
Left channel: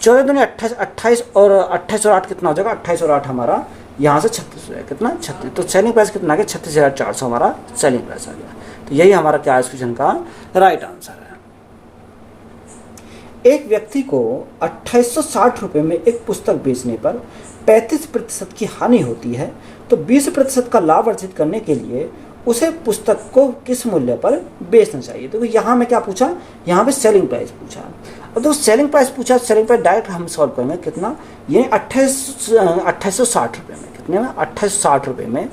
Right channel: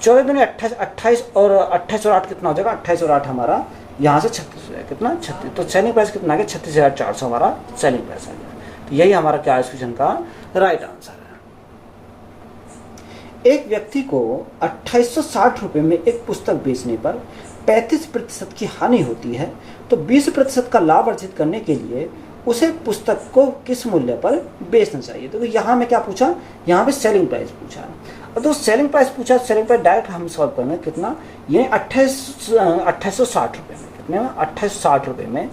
14 दूनी 28 और 8 कितना हो जाएगा, 28 और 8 हमारा यहाँ से 36 हो जाएगा। कितना, 36। तो सेलिंग प्राइस कितना आ गया, 36,400 हमारा सेलिंग प्राइस आ गया। तो यही हमारा क्या है, इस क्वेश्चन का राइट आंसर है। एक व्यक्ति को 2860 रुपये में एक पुस्तक बेचने पर 35% की हानि होती है, तो 20% का लाभ अर्जित करने के लिए उसे पुस्तक को किस मूल्य पर बेचना चाहिए? तो यहाँ में क्या पूछा, यहाँ पे सेलिंग प्राइस पूछा। अब तो सेलिंग प्राइस पूछा, सेलिंग प्राइस डायरेक्ट हम सॉल्व करेंगे। कितना, ये 2860 रुपये में, कितने में, 2860 रुपये में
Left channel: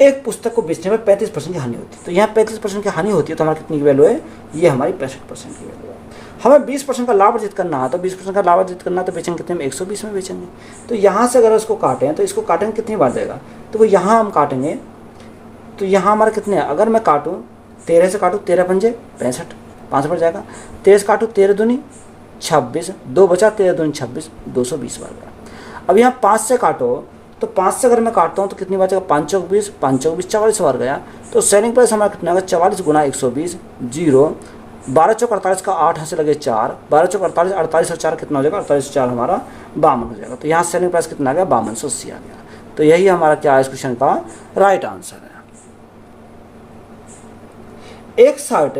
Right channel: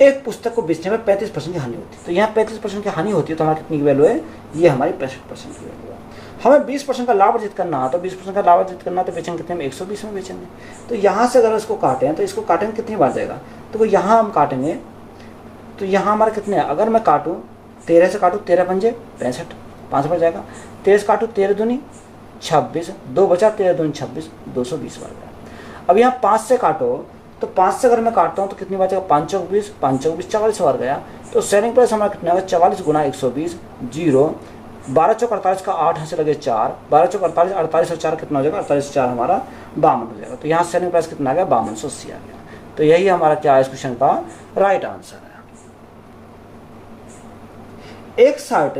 एक पुस्तक को बेचने में 35% की हानि होती है। तो यहाँ 35% की हानि होती है, तो हमारी कितनी की वैल्यू है, ये हमारी 65% की वैल्यू है। हमें 20% का लाभ अर्जित करना है, तो 20% का लाभ अर्जित करना तो बेचेंगे कितने में, 120 में बेचेंगे। तो यहाँ से अगर इसको काटें तो इसको काटेंगे कितनी बार जाएगा, तो यहाँ हम काटेंगे तो यहाँ हमारा कितने, अगर मैं काटूँ 13 से काटूँ, 13 पंजे 65, 5 पर जाएगा। 13 से काटूँ, 13 दूनी 26, 2 बचा, 13 दूनी 26, 220 बार गया। अब यहाँ 5 से काटो, तो 5 से अगर मैं काटता हूँ तो कितनी बार जाएगा, 5 चौक 20, 5 चौक 20, 44 बार गया। तो सेलिंग प्राइस हमारा कितना आएगा, 44 गुणा 120, 0, 12 चौक 48 का 8 यहाँ से लगे 4, 12 चौक 48, 48 और 4 कितना हो जाएगा, 48 और 4 हमारा 52 हो जाएगा। तो यहाँ सेलिंग प्राइस कितना आ गया, 5280 आ गया। तो यही हमारा क्या है, इस क्वेश्चन का राइट आंसर है। एक शर्ट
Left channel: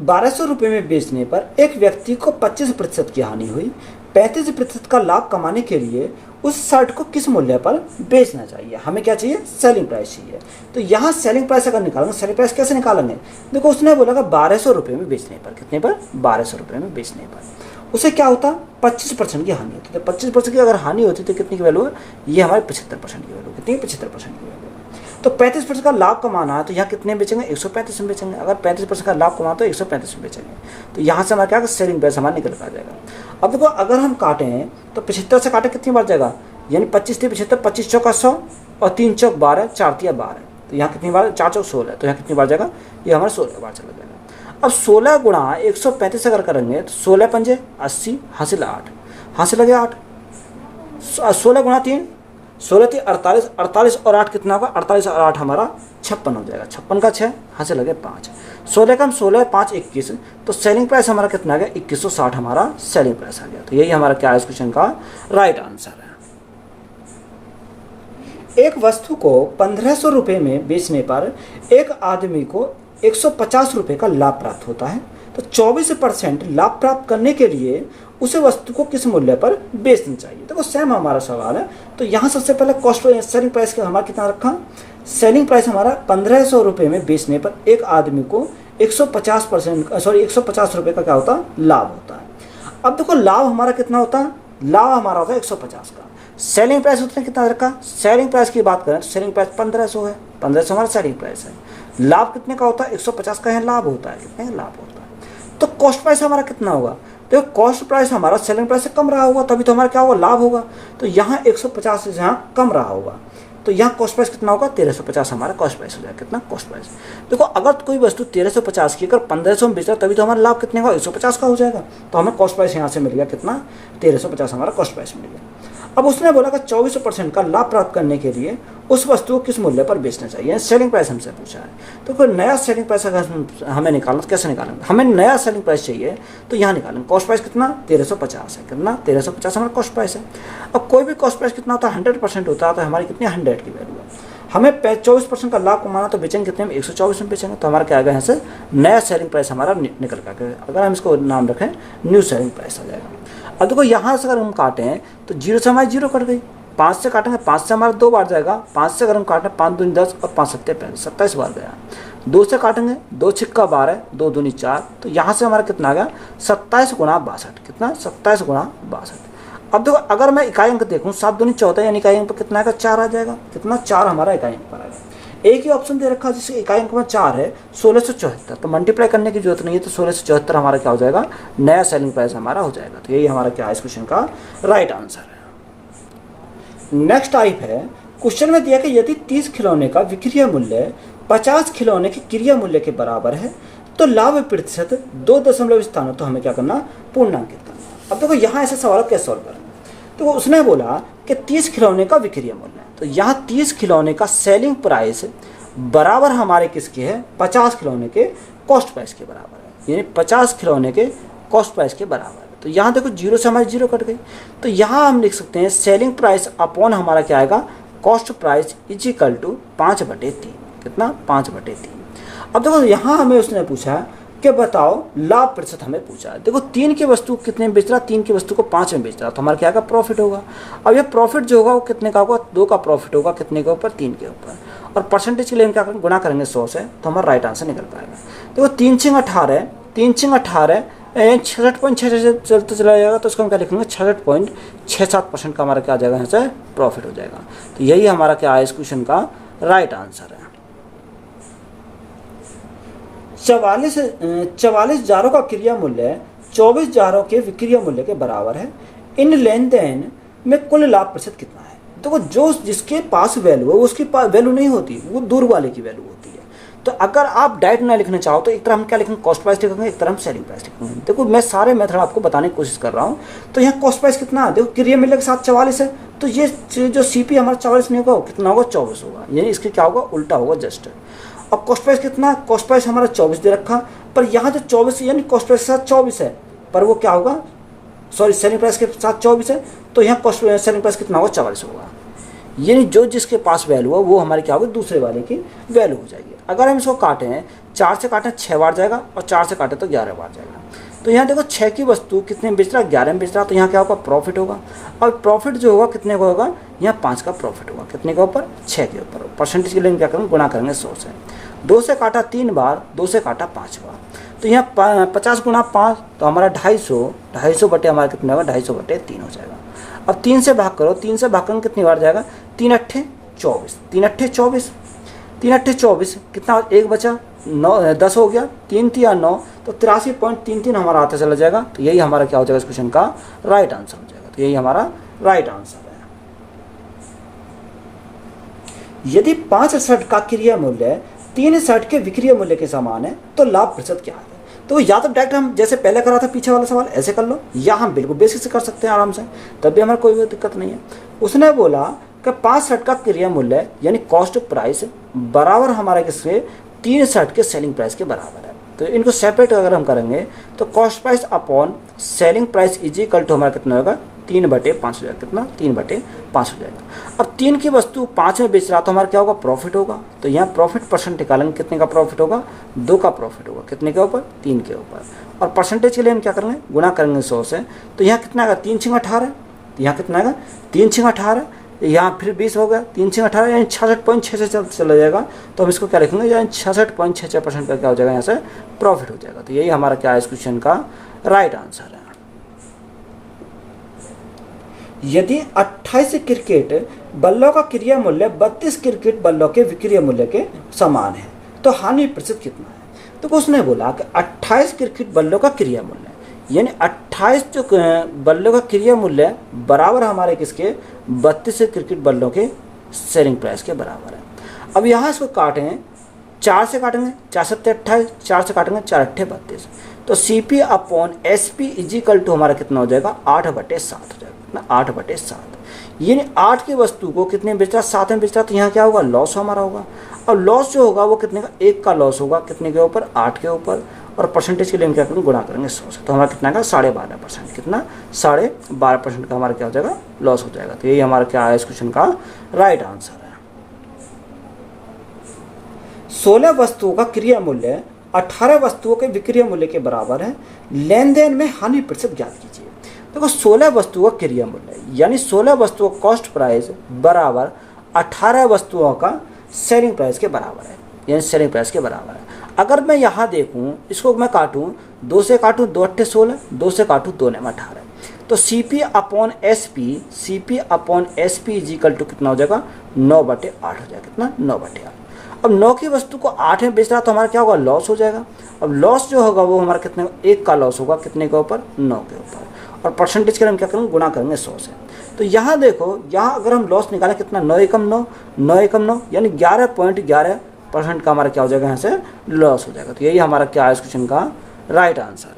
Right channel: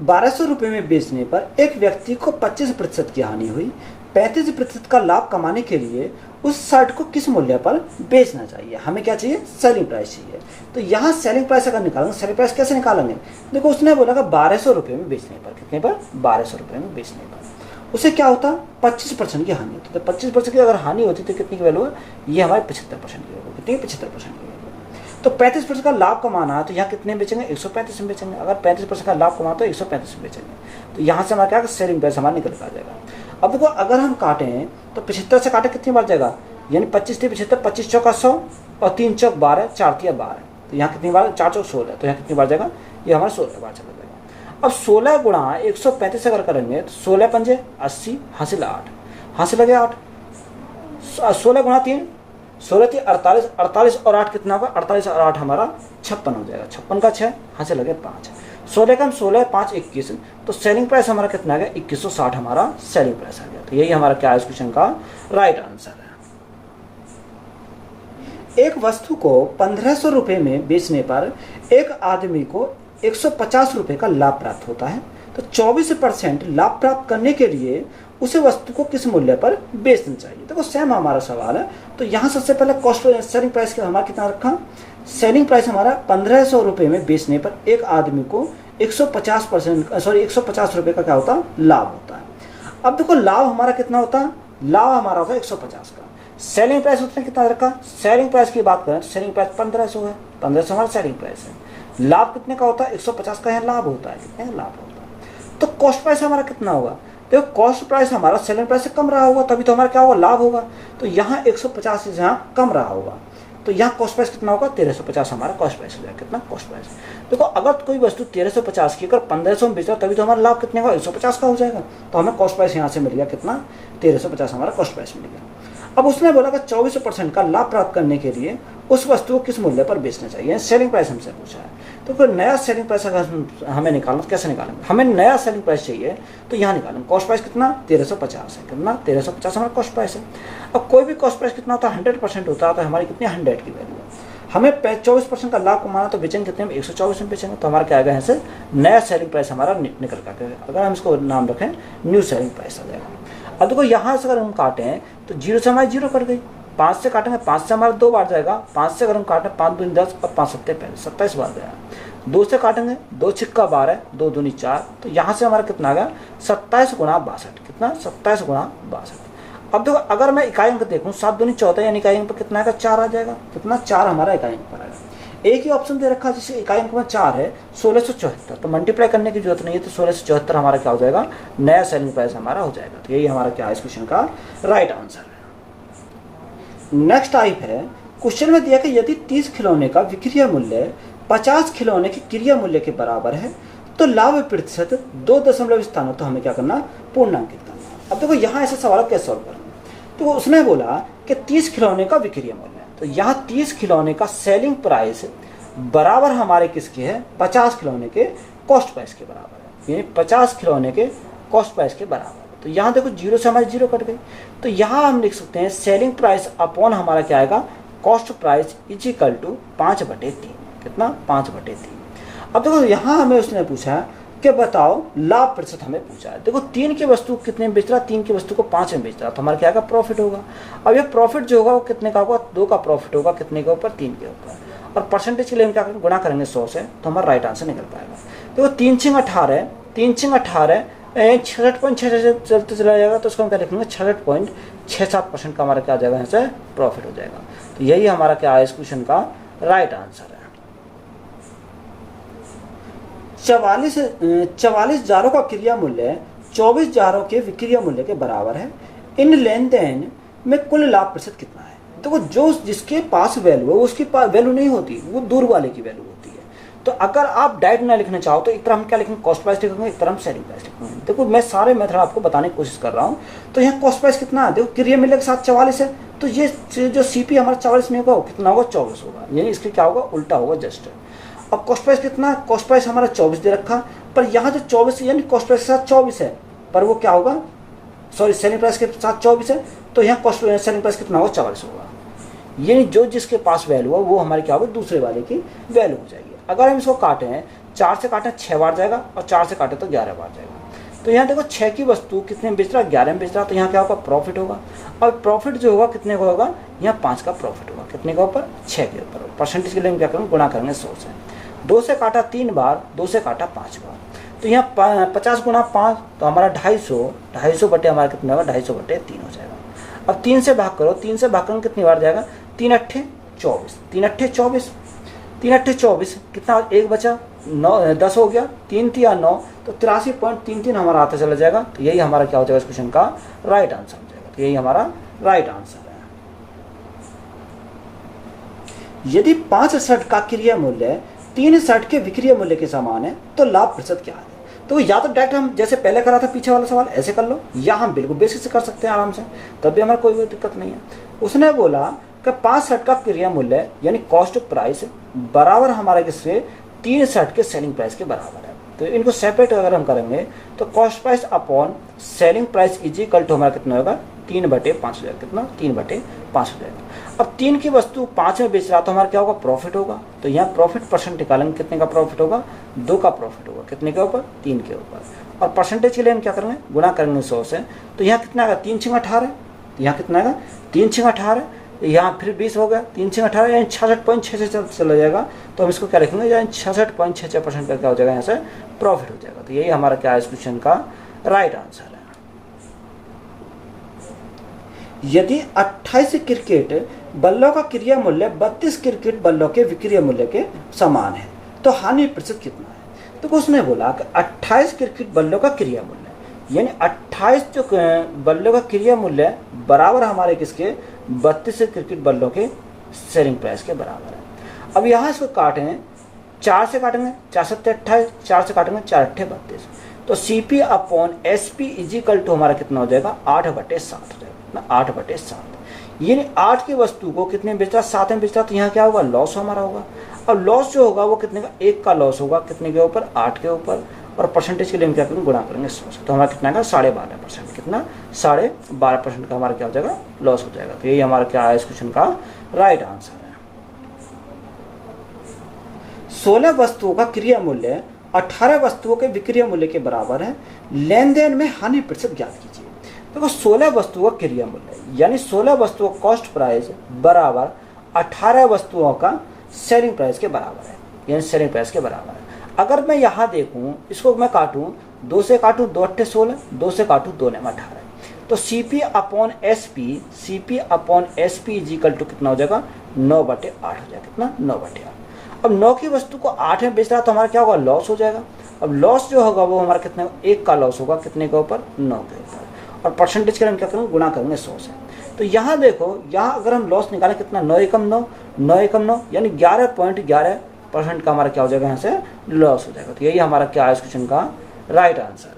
1200 रुपये में बेचने पर एक व्यक्ति को 25% की हानि हुई। 35% का लाभ कमाने के लिए उस शर्ट को किस मूल्य पर बेचना चाहिए? हमें क्या चाहिए? सेलिंग प्राइस चाहिए। तो यहाँ सेलिंग प्राइस अगर निकालेंगे, सेलिंग प्राइस कैसे निकालेंगे? देखो उसने बोला कि 1200 रुपये में बेचने पर, कितने पर? 1200 रुपये में बेचने पर उसे क्या होता? 25% की हानि होती है। तो 25% की अगर हानि होती तो कितनी की वैल्यू है? ये हमारे 75% की वैल्यू। कितनी? 75% की वैल्यू। तो 35% का लाभ कमाना है तो यहाँ कितने बेचेंगे? 135 में बेचेंगे। अगर 35% का लाभ कमाना तो 135 में बेचेंगे। तो यहाँ से हमारा क्या सेलिंग प्राइस हमारा निकल कर आ जाएगा। अब देखो अगर हम काटें तो 75 से काटे कितनी बार जाएगा? यानी 25 से 75, 25 चौका 100 और 3 चौक 12, 4 तिया 12। तो यहाँ कितनी बार? 4 चौक 16। तो यहाँ कितनी बार जाएगा? ये हमारा 16 बार चला जाएगा। अब 16 गुणा 135 अगर करेंगे तो 16 पंजे 80, हासिल 8, हासिल लगे 8। 16 गुणा 3, 16 थी 48, 48 और 8 कितना होगा? 48 और 8 हमारा 56 हो जाएगा। 56 का 6, हासिल लगे 5। 16 का हम 16, 5 21। तो सेलिंग प्राइस हमारा कितना आ गया? 2160 हमारा सेलिंग प्राइस आ गया। तो यही हमारा क्या है इस क्वेश्चन का राइट आंसर है। एक वस्तु को 1500 रुपये में बेचने पर एक आदमी को 150 रुपये का लाभ प्राप्त होता है। तो 24% लाभ प्राप्त करने के लिए उसे वस्तु को किस मूल्य पर बेचना चाहिए? देखो सेम हमारा सवाल है। तो यहाँ सबसे पहले कॉस्ट सेलिंग प्राइस का हमारा कितना रखा? सेलिंग प्राइस हमारा 1500 रुपये में बेचने पर एक आदमी को 150 रुपये का क्या होता है? लाभ होता है। अब देखो लाभ हमारा कितना होता है? लाभ हमारा होता है 150 का। सेलिंग प्राइस उसने कितना रखा? सेलिंग प्राइस की बात करें तो सेलिंग प्राइस 1500 है। 1500 हमारा सेलिंग प्राइस है। लाभ कितने का होता है? 150 का है लाभ होता है। कितने का लाभ होता है? तो कॉस्ट प्राइस हमारा कितना होगा? देखो कॉस्ट प्राइस हमारा सेलिंग प्राइस से कम रहा होगा तभी तो हमारा क्या होगा? लाभ होगा। तो यहाँ 150 से यहाँ कम रहा होगा तो यहाँ कॉस्ट प्राइस कितना होगा? 1350 हमारा कॉस्ट प्राइस हो जाएगा। कितना? Cost price. देखो अगर कोई वस्तु 1350 की अगर 1500 में बेच रहा तभी तो हमारा लाभ कितने का? 150 का हो जाएगा। तो हमें कॉस्ट प्राइस यहाँ से मिल गया कितना? 1350 हमारा कॉस्ट प्राइस मिल गया। अब उसने बोला कि 24% का लाभ प्राप्त करने के लिए उस वस्तु को किस मूल्य पर बेचना चाहिए? सेलिंग प्राइस हमसे पूछा है। तो कोई नया सेलिंग प्राइस अगर हमें निकालना तो कैसे निकालेंगे? हमें नया सेलिंग प्राइस चाहिए तो यहाँ निकालेंगे। कॉस्ट प्राइस कितना? 1350 है। कितना? 1350 हमारा कॉस्ट प्राइस है। अब कोई भी कॉस्ट प्राइस कितना होता है? 100% होता है। तो हमारी कितनी? 100 की वैल्यू है। हमें 24% का लाभ कमाना तो बेचेंगे कितने में? 124 में बेचेंगे। तो हमारा क्या आएगा? यहाँ से नया सेलिंग प्राइस हमारा निकल कर, अगर हम इसको नाम रखें न्यू सेलिंग प्राइस आ जाएगा। अब देखो यहाँ से अगर हम काटें तो 0 से हमारी 0 कट गई। 5 से काटेंगे 5 से हमारा 2 बार जाएगा। 5 से अगर हम काटें 5 दूनी 10 और 5 सत्ते 27 बार गया। 2 से काटेंगे 2 छिक्का 12, 2 दूनी 4। तो यहाँ से हमारा कितना आ गया? 27 गुणा 62। कितना? 27 गुणा 62। अब देखो अगर मैं इकाई अंक देखूँ 7 दूनी 14 यानी इकाई अंक पर कितना आएगा? 4 आ जाएगा। कितना? 4 हमारा इकाई अंक पर आएगा। एक ही ऑप्शन दे रखा है जिससे इकाई अंक में 4 है, 1674। तो मल्टीप्लाई करने की जरूरत नहीं है। तो 1674 हमारा क्या हो जाएगा? नया सेलिंग प्राइस हमारा हो जाएगा। तो यही हमारा क्या है इस क्वेश्चन का राइट आंसर है। नेक्स्ट टाइप है, क्वेश्चन में दिया कि यदि 30 खिलौने का विक्रय मूल्य 50 खिलौने के क्रय मूल्य के बराबर है तो लाभ प्रतिशत 2 दशमलव स्थानों तो हमें क्या करना? पूर्णांकित करना। अब देखो यहाँ ऐसा सवाल कैसे सॉल्व करना? तो उसने बोला कि 30 खिलौने का विक्रय मूल्य, तो यहाँ 30 खिलौने का सेलिंग प्राइस बराबर हमारे किसके है? 50 खिलौने के कॉस्ट प्राइस के बराबर, यानी 50 खिलौने के कॉस्ट प्राइस के बराबर। तो यहाँ देखो 0 से हमारी 0 कट गई। तो यहाँ हम लिख सकते हैं सेलिंग प्राइस अपॉन हमारा क्या आएगा? Cost price is equal to 5/3। कितना? 5/3। अब देखो यहाँ हमें उसने पूछा कि बताओ लाभ प्रतिशत हमें पूछा है। देखो 3 की वस्तु कितने में बेच रहा? 3 की वस्तु को 5 में बेच रहा। तो हमारा क्या आएगा? प्रॉफिट होगा। अब ये प्रॉफिट जो होगा वो कितने का होगा? 2 का प्रॉफिट होगा। कितने के ऊपर? 3 के ऊपर। और परसेंटेज के लिए हम क्या करेंगे? गुणा करेंगे 100 से। तो हमारा राइट आंसर निकल पाएगा। देखो 3 छिंग 18, 3 छिंग 18 66.6 चलते चला जाएगा। तो उसको हम क्या लिखेंगे? 66.67% का हमारा क्या आ जाएगा? यहाँ से प्रॉफिट हो जाएगा। तो यही हमारा क्या है इस क्वेश्चन का राइट आंसर है। 44 जारों का क्रय मूल्य 24 जारों के विक्रय मूल्य के बराबर है। इन लेन देन में कुल लाभ प्रतिशत कितना है? तो जो जिसके पास वैल्यू है उसकी वैल्यू नहीं होती, वो दूर वाले की वैल्यू होती है। तो अगर आप डायरेक्ट ना लिखना चाहो तो एक तरह हम क्या लिखेंगे? कॉस्ट प्राइस लिखेंगे, एक तरह हम सेलिंग प्राइस लिखेंगे। देखो मैं सारे मेथड आपको बताने की कोशिश कर रहा हूँ। तो यहाँ कॉस्ट प्राइस कितना है? देखो क्रय मूल्य के साथ 44 है। तो ये जो सीपी हमारा 44 नहीं होगा, कितना होगा? 24 होगा। यानी इसके क्या होगा? उल्टा होगा जस्ट। अब कॉस्ट प्राइस कितना? कॉस्ट प्राइस हमारा 24 दे रखा, पर यहाँ तो 24 यानी कॉस्ट प्राइस के साथ 24 है, पर वो क्या होगा? सॉरी सेलिंग प्राइस के साथ 24 है। तो यहाँ कॉस्ट सेलिंग प्राइस कितना होगा? 44 होगा। यानी जो जिसके पास वैल्यू है वो हमारी क्या होगी? दूसरे वाले की वैल्यू हो जाएगी। अगर हम इसको काटें 4 से काटें 6 बार जाएगा और 4 से काटें तो 11 बार जाएगा। तो यहाँ देखो 6 की वस्तु कितने में बेच रहा है, 11 में बेच रहा, तो यहाँ क्या होगा, प्रॉफिट होगा। और प्रॉफिट जो होगा कितने का होगा, यहाँ 5 का प्रॉफिट होगा, कितने के ऊपर, 6 के ऊपर। परसेंटेज के लिए क्या करेंगे, गुणा करेंगे 100 से। 2 से काटा 3 बार, 2 से काटा 5 बार, तो यहाँ 50 गुणा 5, तो हमारा 250 बटे हमारा कितना होगा, 250 बटे 3 हो जाएगा। अब 3 से भाग करो, 3 से भाग करेंगे कितनी बार जाएगा, 3 अट्ठे 24, 3 अट्ठे 24, 3 अट्ठे 24, कितना, 1 बचा, 9 10 हो गया, 3 3 9, तो 83.33 हमारा आता चला जाएगा। तो यही हमारा क्या हो जाएगा, इस क्वेश्चन का राइट आंसर हो जाएगा। तो यही हमारा राइट आंसर है। यदि 5 शर्ट का क्रिया मूल्य 3 शर्ट के विक्रय मूल्य के समान है तो लाभ प्रतिशत क्या है। तो या तो डायरेक्ट हम जैसे पहले करा था पीछे वाला सवाल ऐसे कर लो, या हम बिल्कुल बेसिक से कर सकते हैं आराम से, तब भी हमारे कोई दिक्कत नहीं है। उसने बोला कि 5 शर्ट का क्रिया मूल्य यानी कॉस्ट प्राइस बराबर हमारे किसके, 3 शर्ट के सेलिंग प्राइस के बराबर है। तो इनको सेपरेट अगर हम करेंगे तो cost price upon selling price is equal to हमारा कितना होगा, 3/5 हो जाएगा, कितना, 3/5 हो जाएगा। अब 3 की वस्तु 5 में बेच रहा तो हमारा क्या होगा, प्रॉफिट होगा। तो यहाँ प्रॉफिट परसेंट निकालेंगे, कितने का प्रॉफिट होगा, 2 का प्रॉफिट होगा, कितने के ऊपर, 3 के ऊपर। और परसेंटेज के लिए हम क्या करेंगे, गुणा करेंगे 100 से। तो यहाँ कितना आएगा, 3 6 18, यहाँ कितना आएगा, 3 6 18, यहाँ फिर 20 हो गया, 3 6 18 यानी 66.66 चला जाएगा। तो हम इसको क्या लिखेंगे, यानी 66.66% का क्या हो जाएगा, यहाँ से प्रॉफिट हो जाएगा। तो यही हमारा क्या है इस क्वेश्चन का राइट आंसर है। यदि 28 क्रिकेट बल्लों का क्रिया मूल्य 32 क्रिकेट बल्लों के विक्रय मूल्य के समान है तो हानि प्रतिशत कितना है। तो उसने बोला कि 28 क्रिकेट बल्लों का क्रिया मूल्य यानी 28 जो बल्लों का क्रिया मूल्य बराबर हमारे किसके, 32 क्रिकेट बल्लों के सेलिंग प्राइस के बराबर है। अब यहाँ इसको काटें, 4 से काटेंगे, 4 7 28, 4 से काटेंगे 4 8 32, तो CP upon SP is equal to हमारा कितना हो जाएगा, 8/7 हो जाएगा, 8/7। यानी 8 की वस्तु को कितने बेच रहा, 7 में बेच रहा, तो यहाँ क्या होगा, लॉस हमारा होगा। और लॉस जो होगा वो कितने का, 1 का लॉस होगा, कितने के ऊपर, 8 के ऊपर। और परसेंटेज के लिए हम क्या करेंगे, गुणा करेंगे 100 से, तो हमारा कितना का 12.5%, कितना 12.5% का हमारा क्या हो जाएगा, लॉस हो जाएगा। तो यही हमारा क्या है इस क्वेश्चन का राइट आंसर है। 16 वस्तुओं का क्रिया मूल्य 18 वस्तुओं के विक्रय मूल्य के बराबर है, लेन देन में हानि प्रतिशत ज्ञात कीजिए। देखो 16 वस्तुओं का क्रिया मूल्य यानी 16 वस्तुओं का कॉस्ट प्राइस बराबर 18 वस्तुओं का सेलिंग प्राइस के बराबर है, यानी सेलिंग प्राइस के बराबर है। अगर मैं यहाँ देखूं, इसको मैं काटूं, 2 से काटूं 2 8 16, 2 से काटूं 2 9 18, तो CP upon SP is equal to कितना हो जाएगा, 9/8 हो जाएगा, कितना, 9/8। अब 9 की वस्तु को 8 में बेच रहा तो हमारा क्या होगा, लॉस हो जाएगा। अब लॉस जो होगा वो हमारा कितने, 1 का लॉस होगा, कितने के ऊपर, 9 के ऊपर। और परसेंटेज के लिए हम क्या करेंगे, गुणा करेंगे 100 से। तो यहाँ देखो, यहाँ अगर हम लॉस निकालें कितना, 9 एकम 9, 9 एकम 9 यानी 11.11% का हमारा क्या हो जाएगा, यहाँ से लॉस हो जाएगा। तो यही हमारा क्या है इस क्वेश्चन का राइट आंसर है।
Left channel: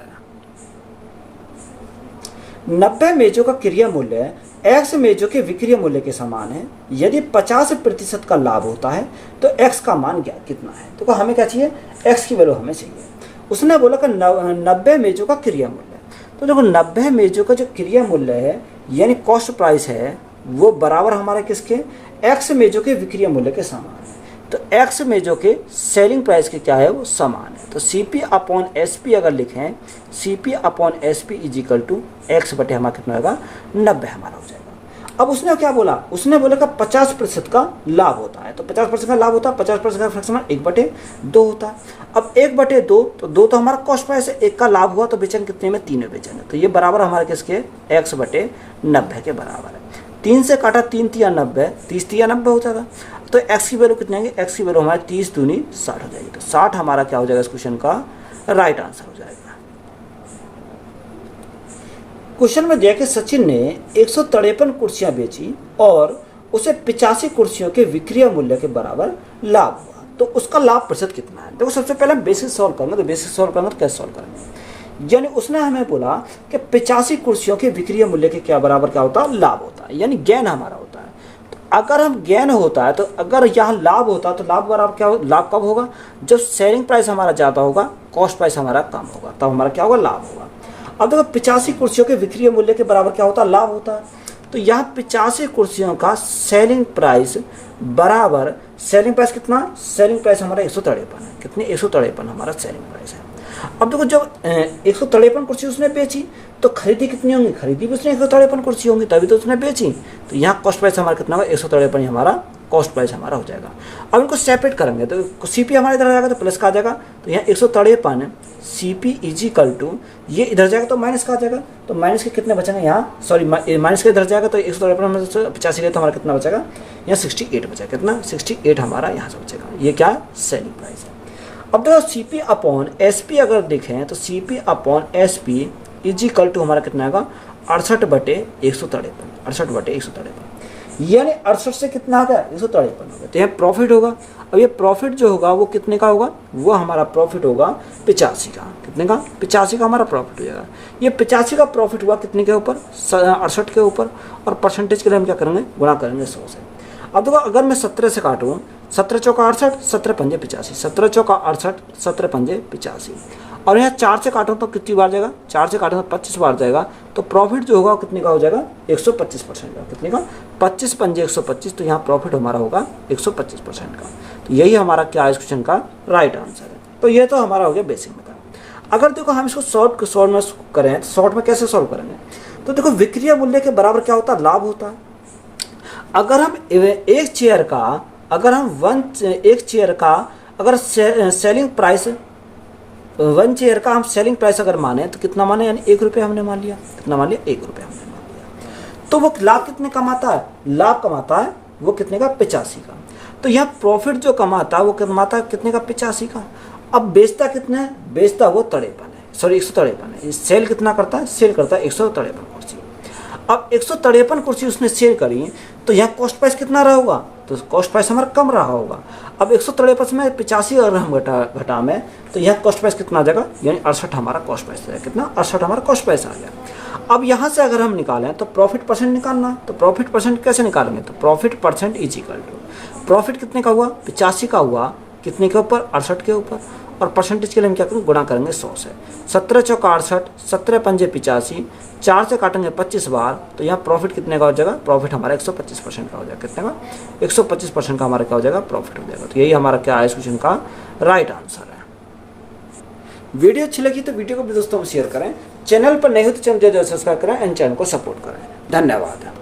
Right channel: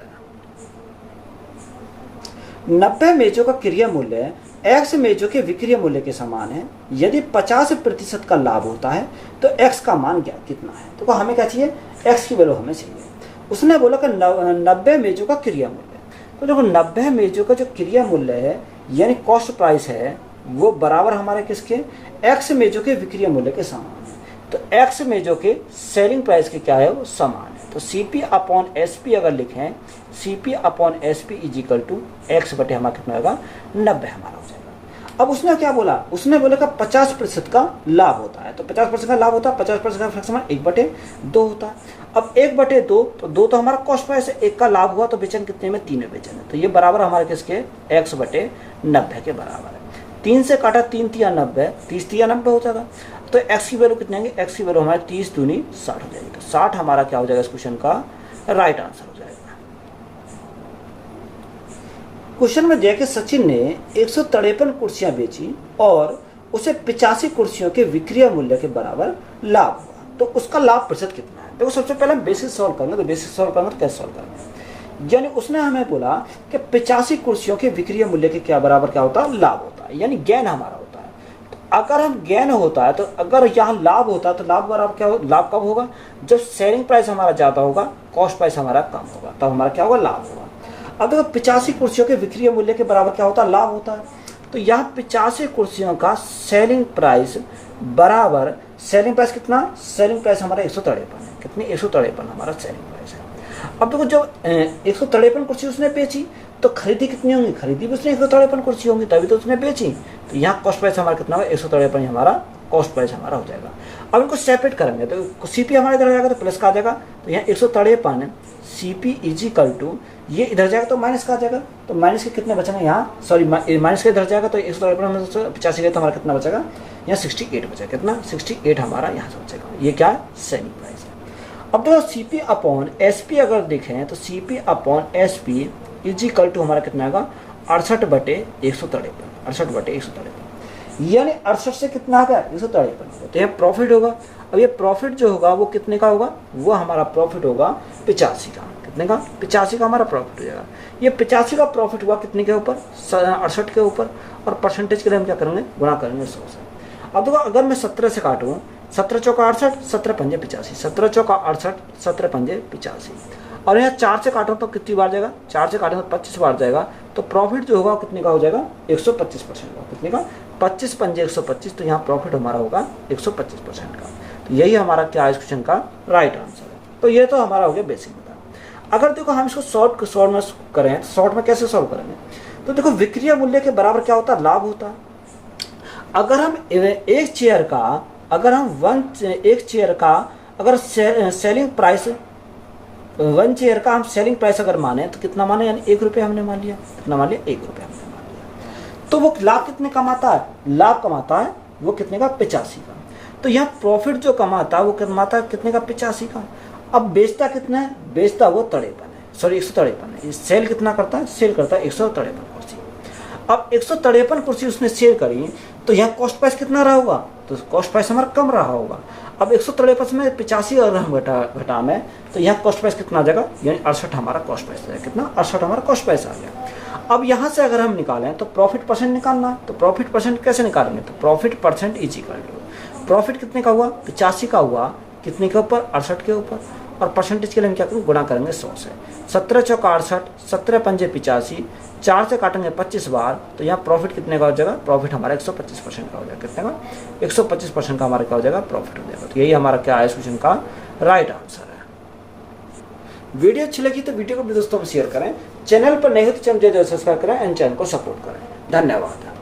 90 मेजों का क्रिया मूल्य X मेजों के विक्रय मूल्य के समान है, यदि 50% का लाभ होता है तो X का मान क्या कितना है। तो हमें क्या चाहिए, X की वैल्यू हमें चाहिए। उसने बोला कि 90 मेजों का क्रिया मूल्य, तो देखो 90 मेजों का जो क्रिया मूल्य है यानी कॉस्ट प्राइस है वो बराबर हमारा किसके, X मेजों के विक्रय मूल्य के समान है। तो X मेजों के सेलिंग प्राइस के क्या है, वो समान है। तो CP अपॉन SP अगर लिखें, CP upon SP is equal to X बटे हमारा कितना होगा, 90 हमारा हो जाएगा। अब उसने क्या बोला, उसने बोला कि 50% का लाभ होता है। तो 50% का लाभ होता है, 50% का फ्रैक्शन 1/2 होता है। अब 1/2, तो 2 तो हमारा कॉस्ट प्राइस है, 1 का लाभ हुआ तो बेचेंगे कितने में, 3 में बेचेंगे। तो ये बराबर हमारे किसके, X/90 के बराबर है। 3 से काटा 3 3 90, 30 3 90 हो जाएगा। तो X की वैल्यू कितनी आएगी, X की वैल्यू हमारी 30 दूनी 60 हो जाएगी। तो 60 हमारा क्या हो जाएगा इस क्वेश्चन का राइट आंसर हो जाएगा। क्वेश्चन में दिया कि सचिन ने 153 कुर्सियां बेची और उसे 85 कुर्सियों के विक्रय मूल्य के बराबर लाभ हुआ, तो उसका लाभ प्रतिशत कितना है। देखो सबसे पहले बेसिस सॉल्व करेंगे, तो बेसिस सॉल्व करेंगे तो कैसे सॉल्व करेंगे, यानी उसने हमें बोला कि 85 कुर्सियों के विक्रय मूल्य के क्या बराबर क्या होता है, लाभ होता है, यानी गेन हमारा होता है। तो अगर हम गेन होता है, तो अगर यहाँ लाभ होता है तो लाभ बराबर क्या हो, लाभ कब होगा, जब सेलिंग प्राइस हमारा ज्यादा होगा, कॉस्ट प्राइस हमारा कम होगा, तब हमारा क्या होगा, लाभ होगा। अब देखो 85 कुर्सियों के विक्रय मूल्य के बराबर क्या होता है, लाभ होता है। तो यहाँ 85 कुर्सियों का सेलिंग प्राइस बराबर, सेलिंग प्राइस कितना, सेलिंग प्राइस हमारा 153 है, कितनी, 153 हमारा सेलिंग प्राइस है। अब देखो जब 153 कुर्सी उसने बेची तो खरीदी कितनी होंगी, खरीदी भी उसने 153 कुर्सी होंगी तभी तो उसने बेची। तो यहाँ कॉस्ट प्राइस हमारा कितना होगा, 153 हमारा कॉस्ट प्राइस हमारा हो जाएगा। अब इनको सेपरेट करेंगे तो सीपी हमारा इधर आ जाएगा तो प्लस का आ जाएगा, तो यहाँ 153 सीपी इजिकल टू ये इधर जाएगा तो माइनस का आ जाएगा, तो माइनस के कितने बचेंगे यहाँ, सॉरी माइनस के इधर जाएगा तो 153 में से 85 गए तो हमारा कितना बचेगा, यहाँ 68 बचेगा, कितना 68 हमारा यहाँ से बचेगा। ये क्या सेलिंग प्राइस है। अब देखो सीपी अपॉन एसपी अगर देखें तो CP upon SP is equal to हमारा कितना आएगा 68/153, 68/153, यानी 68 से कितना आ गया 153, तो यहाँ प्रॉफिट होगा। अब ये प्रॉफिट जो होगा वो कितने का होगा, वो हमारा प्रॉफिट होगा 85 का, कितने का 85 का हमारा प्रॉफिट हो जाएगा। ये 85 का प्रॉफिट हुआ कितने के ऊपर, 68 के ऊपर, और परसेंटेज के लिए हम क्या करेंगे, गुणा करेंगे 100 से। अब देखो अगर मैं 17 से काटूँ, 17 चौका 68, 17 पंजे 85, 17 चौका 68, 17 पंजे 85, और यहाँ 4 से काटो तो कितनी बार जाएगा, 4 से काटो तो 25 बार जाएगा, तो प्रॉफिट जो होगा कितने का हो जाएगा 125% का, कितने का 25 पंजे 125, तो यहाँ प्रॉफिट हमारा होगा 125% का। तो यही हमारा क्या है इस क्वेश्चन का राइट आंसर है। तो ये तो हमारा हो गया बेसिक मेथड। अगर देखो हम इसको शॉर्ट में करें तो शॉर्ट में कैसे सॉल्व करेंगे, तो देखो विक्रय मूल्य के बराबर क्या होता है, लाभ होता है। अगर हम एक चेयर का, अगर हम एक चेयर का अगर सेलिंग प्राइस, 1 चेयर का हम सेलिंग प्राइस अगर माने तो कितना माने, यानी 1 रुपये हमने मान लिया, कितना मान लिया 1 रुपये हमने मान लिया, तो वो लाभ कितने कमाता है, लाभ कमाता है वो कितने का 85 का। तो यहाँ प्रॉफिट जो कमाता है वो कमाता है कितने का 85 का। अब बेचता कितना है, बेचता वो 53 है, सॉरी 153 है। सेल कितना करता है, सेल करता है 153 कुर्सी। अब 153 कुर्सी उसने सेल करी तो यहाँ कॉस्ट प्राइस कितना रहा होगा, तो कॉस्ट प्राइस हमारा कम रहा होगा। अब 153 में 85 और हम घटा में, तो यहाँ कॉस्ट प्राइस कितना आ जाएगा, यानी 68 हमारा कॉस्ट प्राइस आ जाएगा, कितना 68 हमारा कॉस्ट प्राइस आ गया। अब यहाँ से अगर हम निकालें तो प्रॉफिट परसेंट निकालना है, तो प्रॉफिट परसेंट कैसे निकालेंगे, तो profit percent is equal to profit कितने का हुआ 85 का हुआ, कितने के ऊपर 68 के ऊपर, और परसेंटेज के लिए हम क्या करेंगे, गुणा करेंगे 100 से। 17 चौका 68, 17 पंजे 85, 4 से काटेंगे 25 बार, तो यहाँ प्रॉफिट कितने का हो जाएगा, प्रॉफिट हमारा 125% का हो जाएगा, कितने का 125% का हमारा क्या हो जाएगा, प्रॉफिट हो जाएगा। तो यही हमारा क्या है इस क्वेश्चन का राइट आंसर है। वीडियो अच्छी लगी तो वीडियो को भी दोस्तों में शेयर करें, चैनल पर नहीं हो तो चैनल सब्सक्राइब करें एंड चैनल को सपोर्ट करें। धन्यवाद।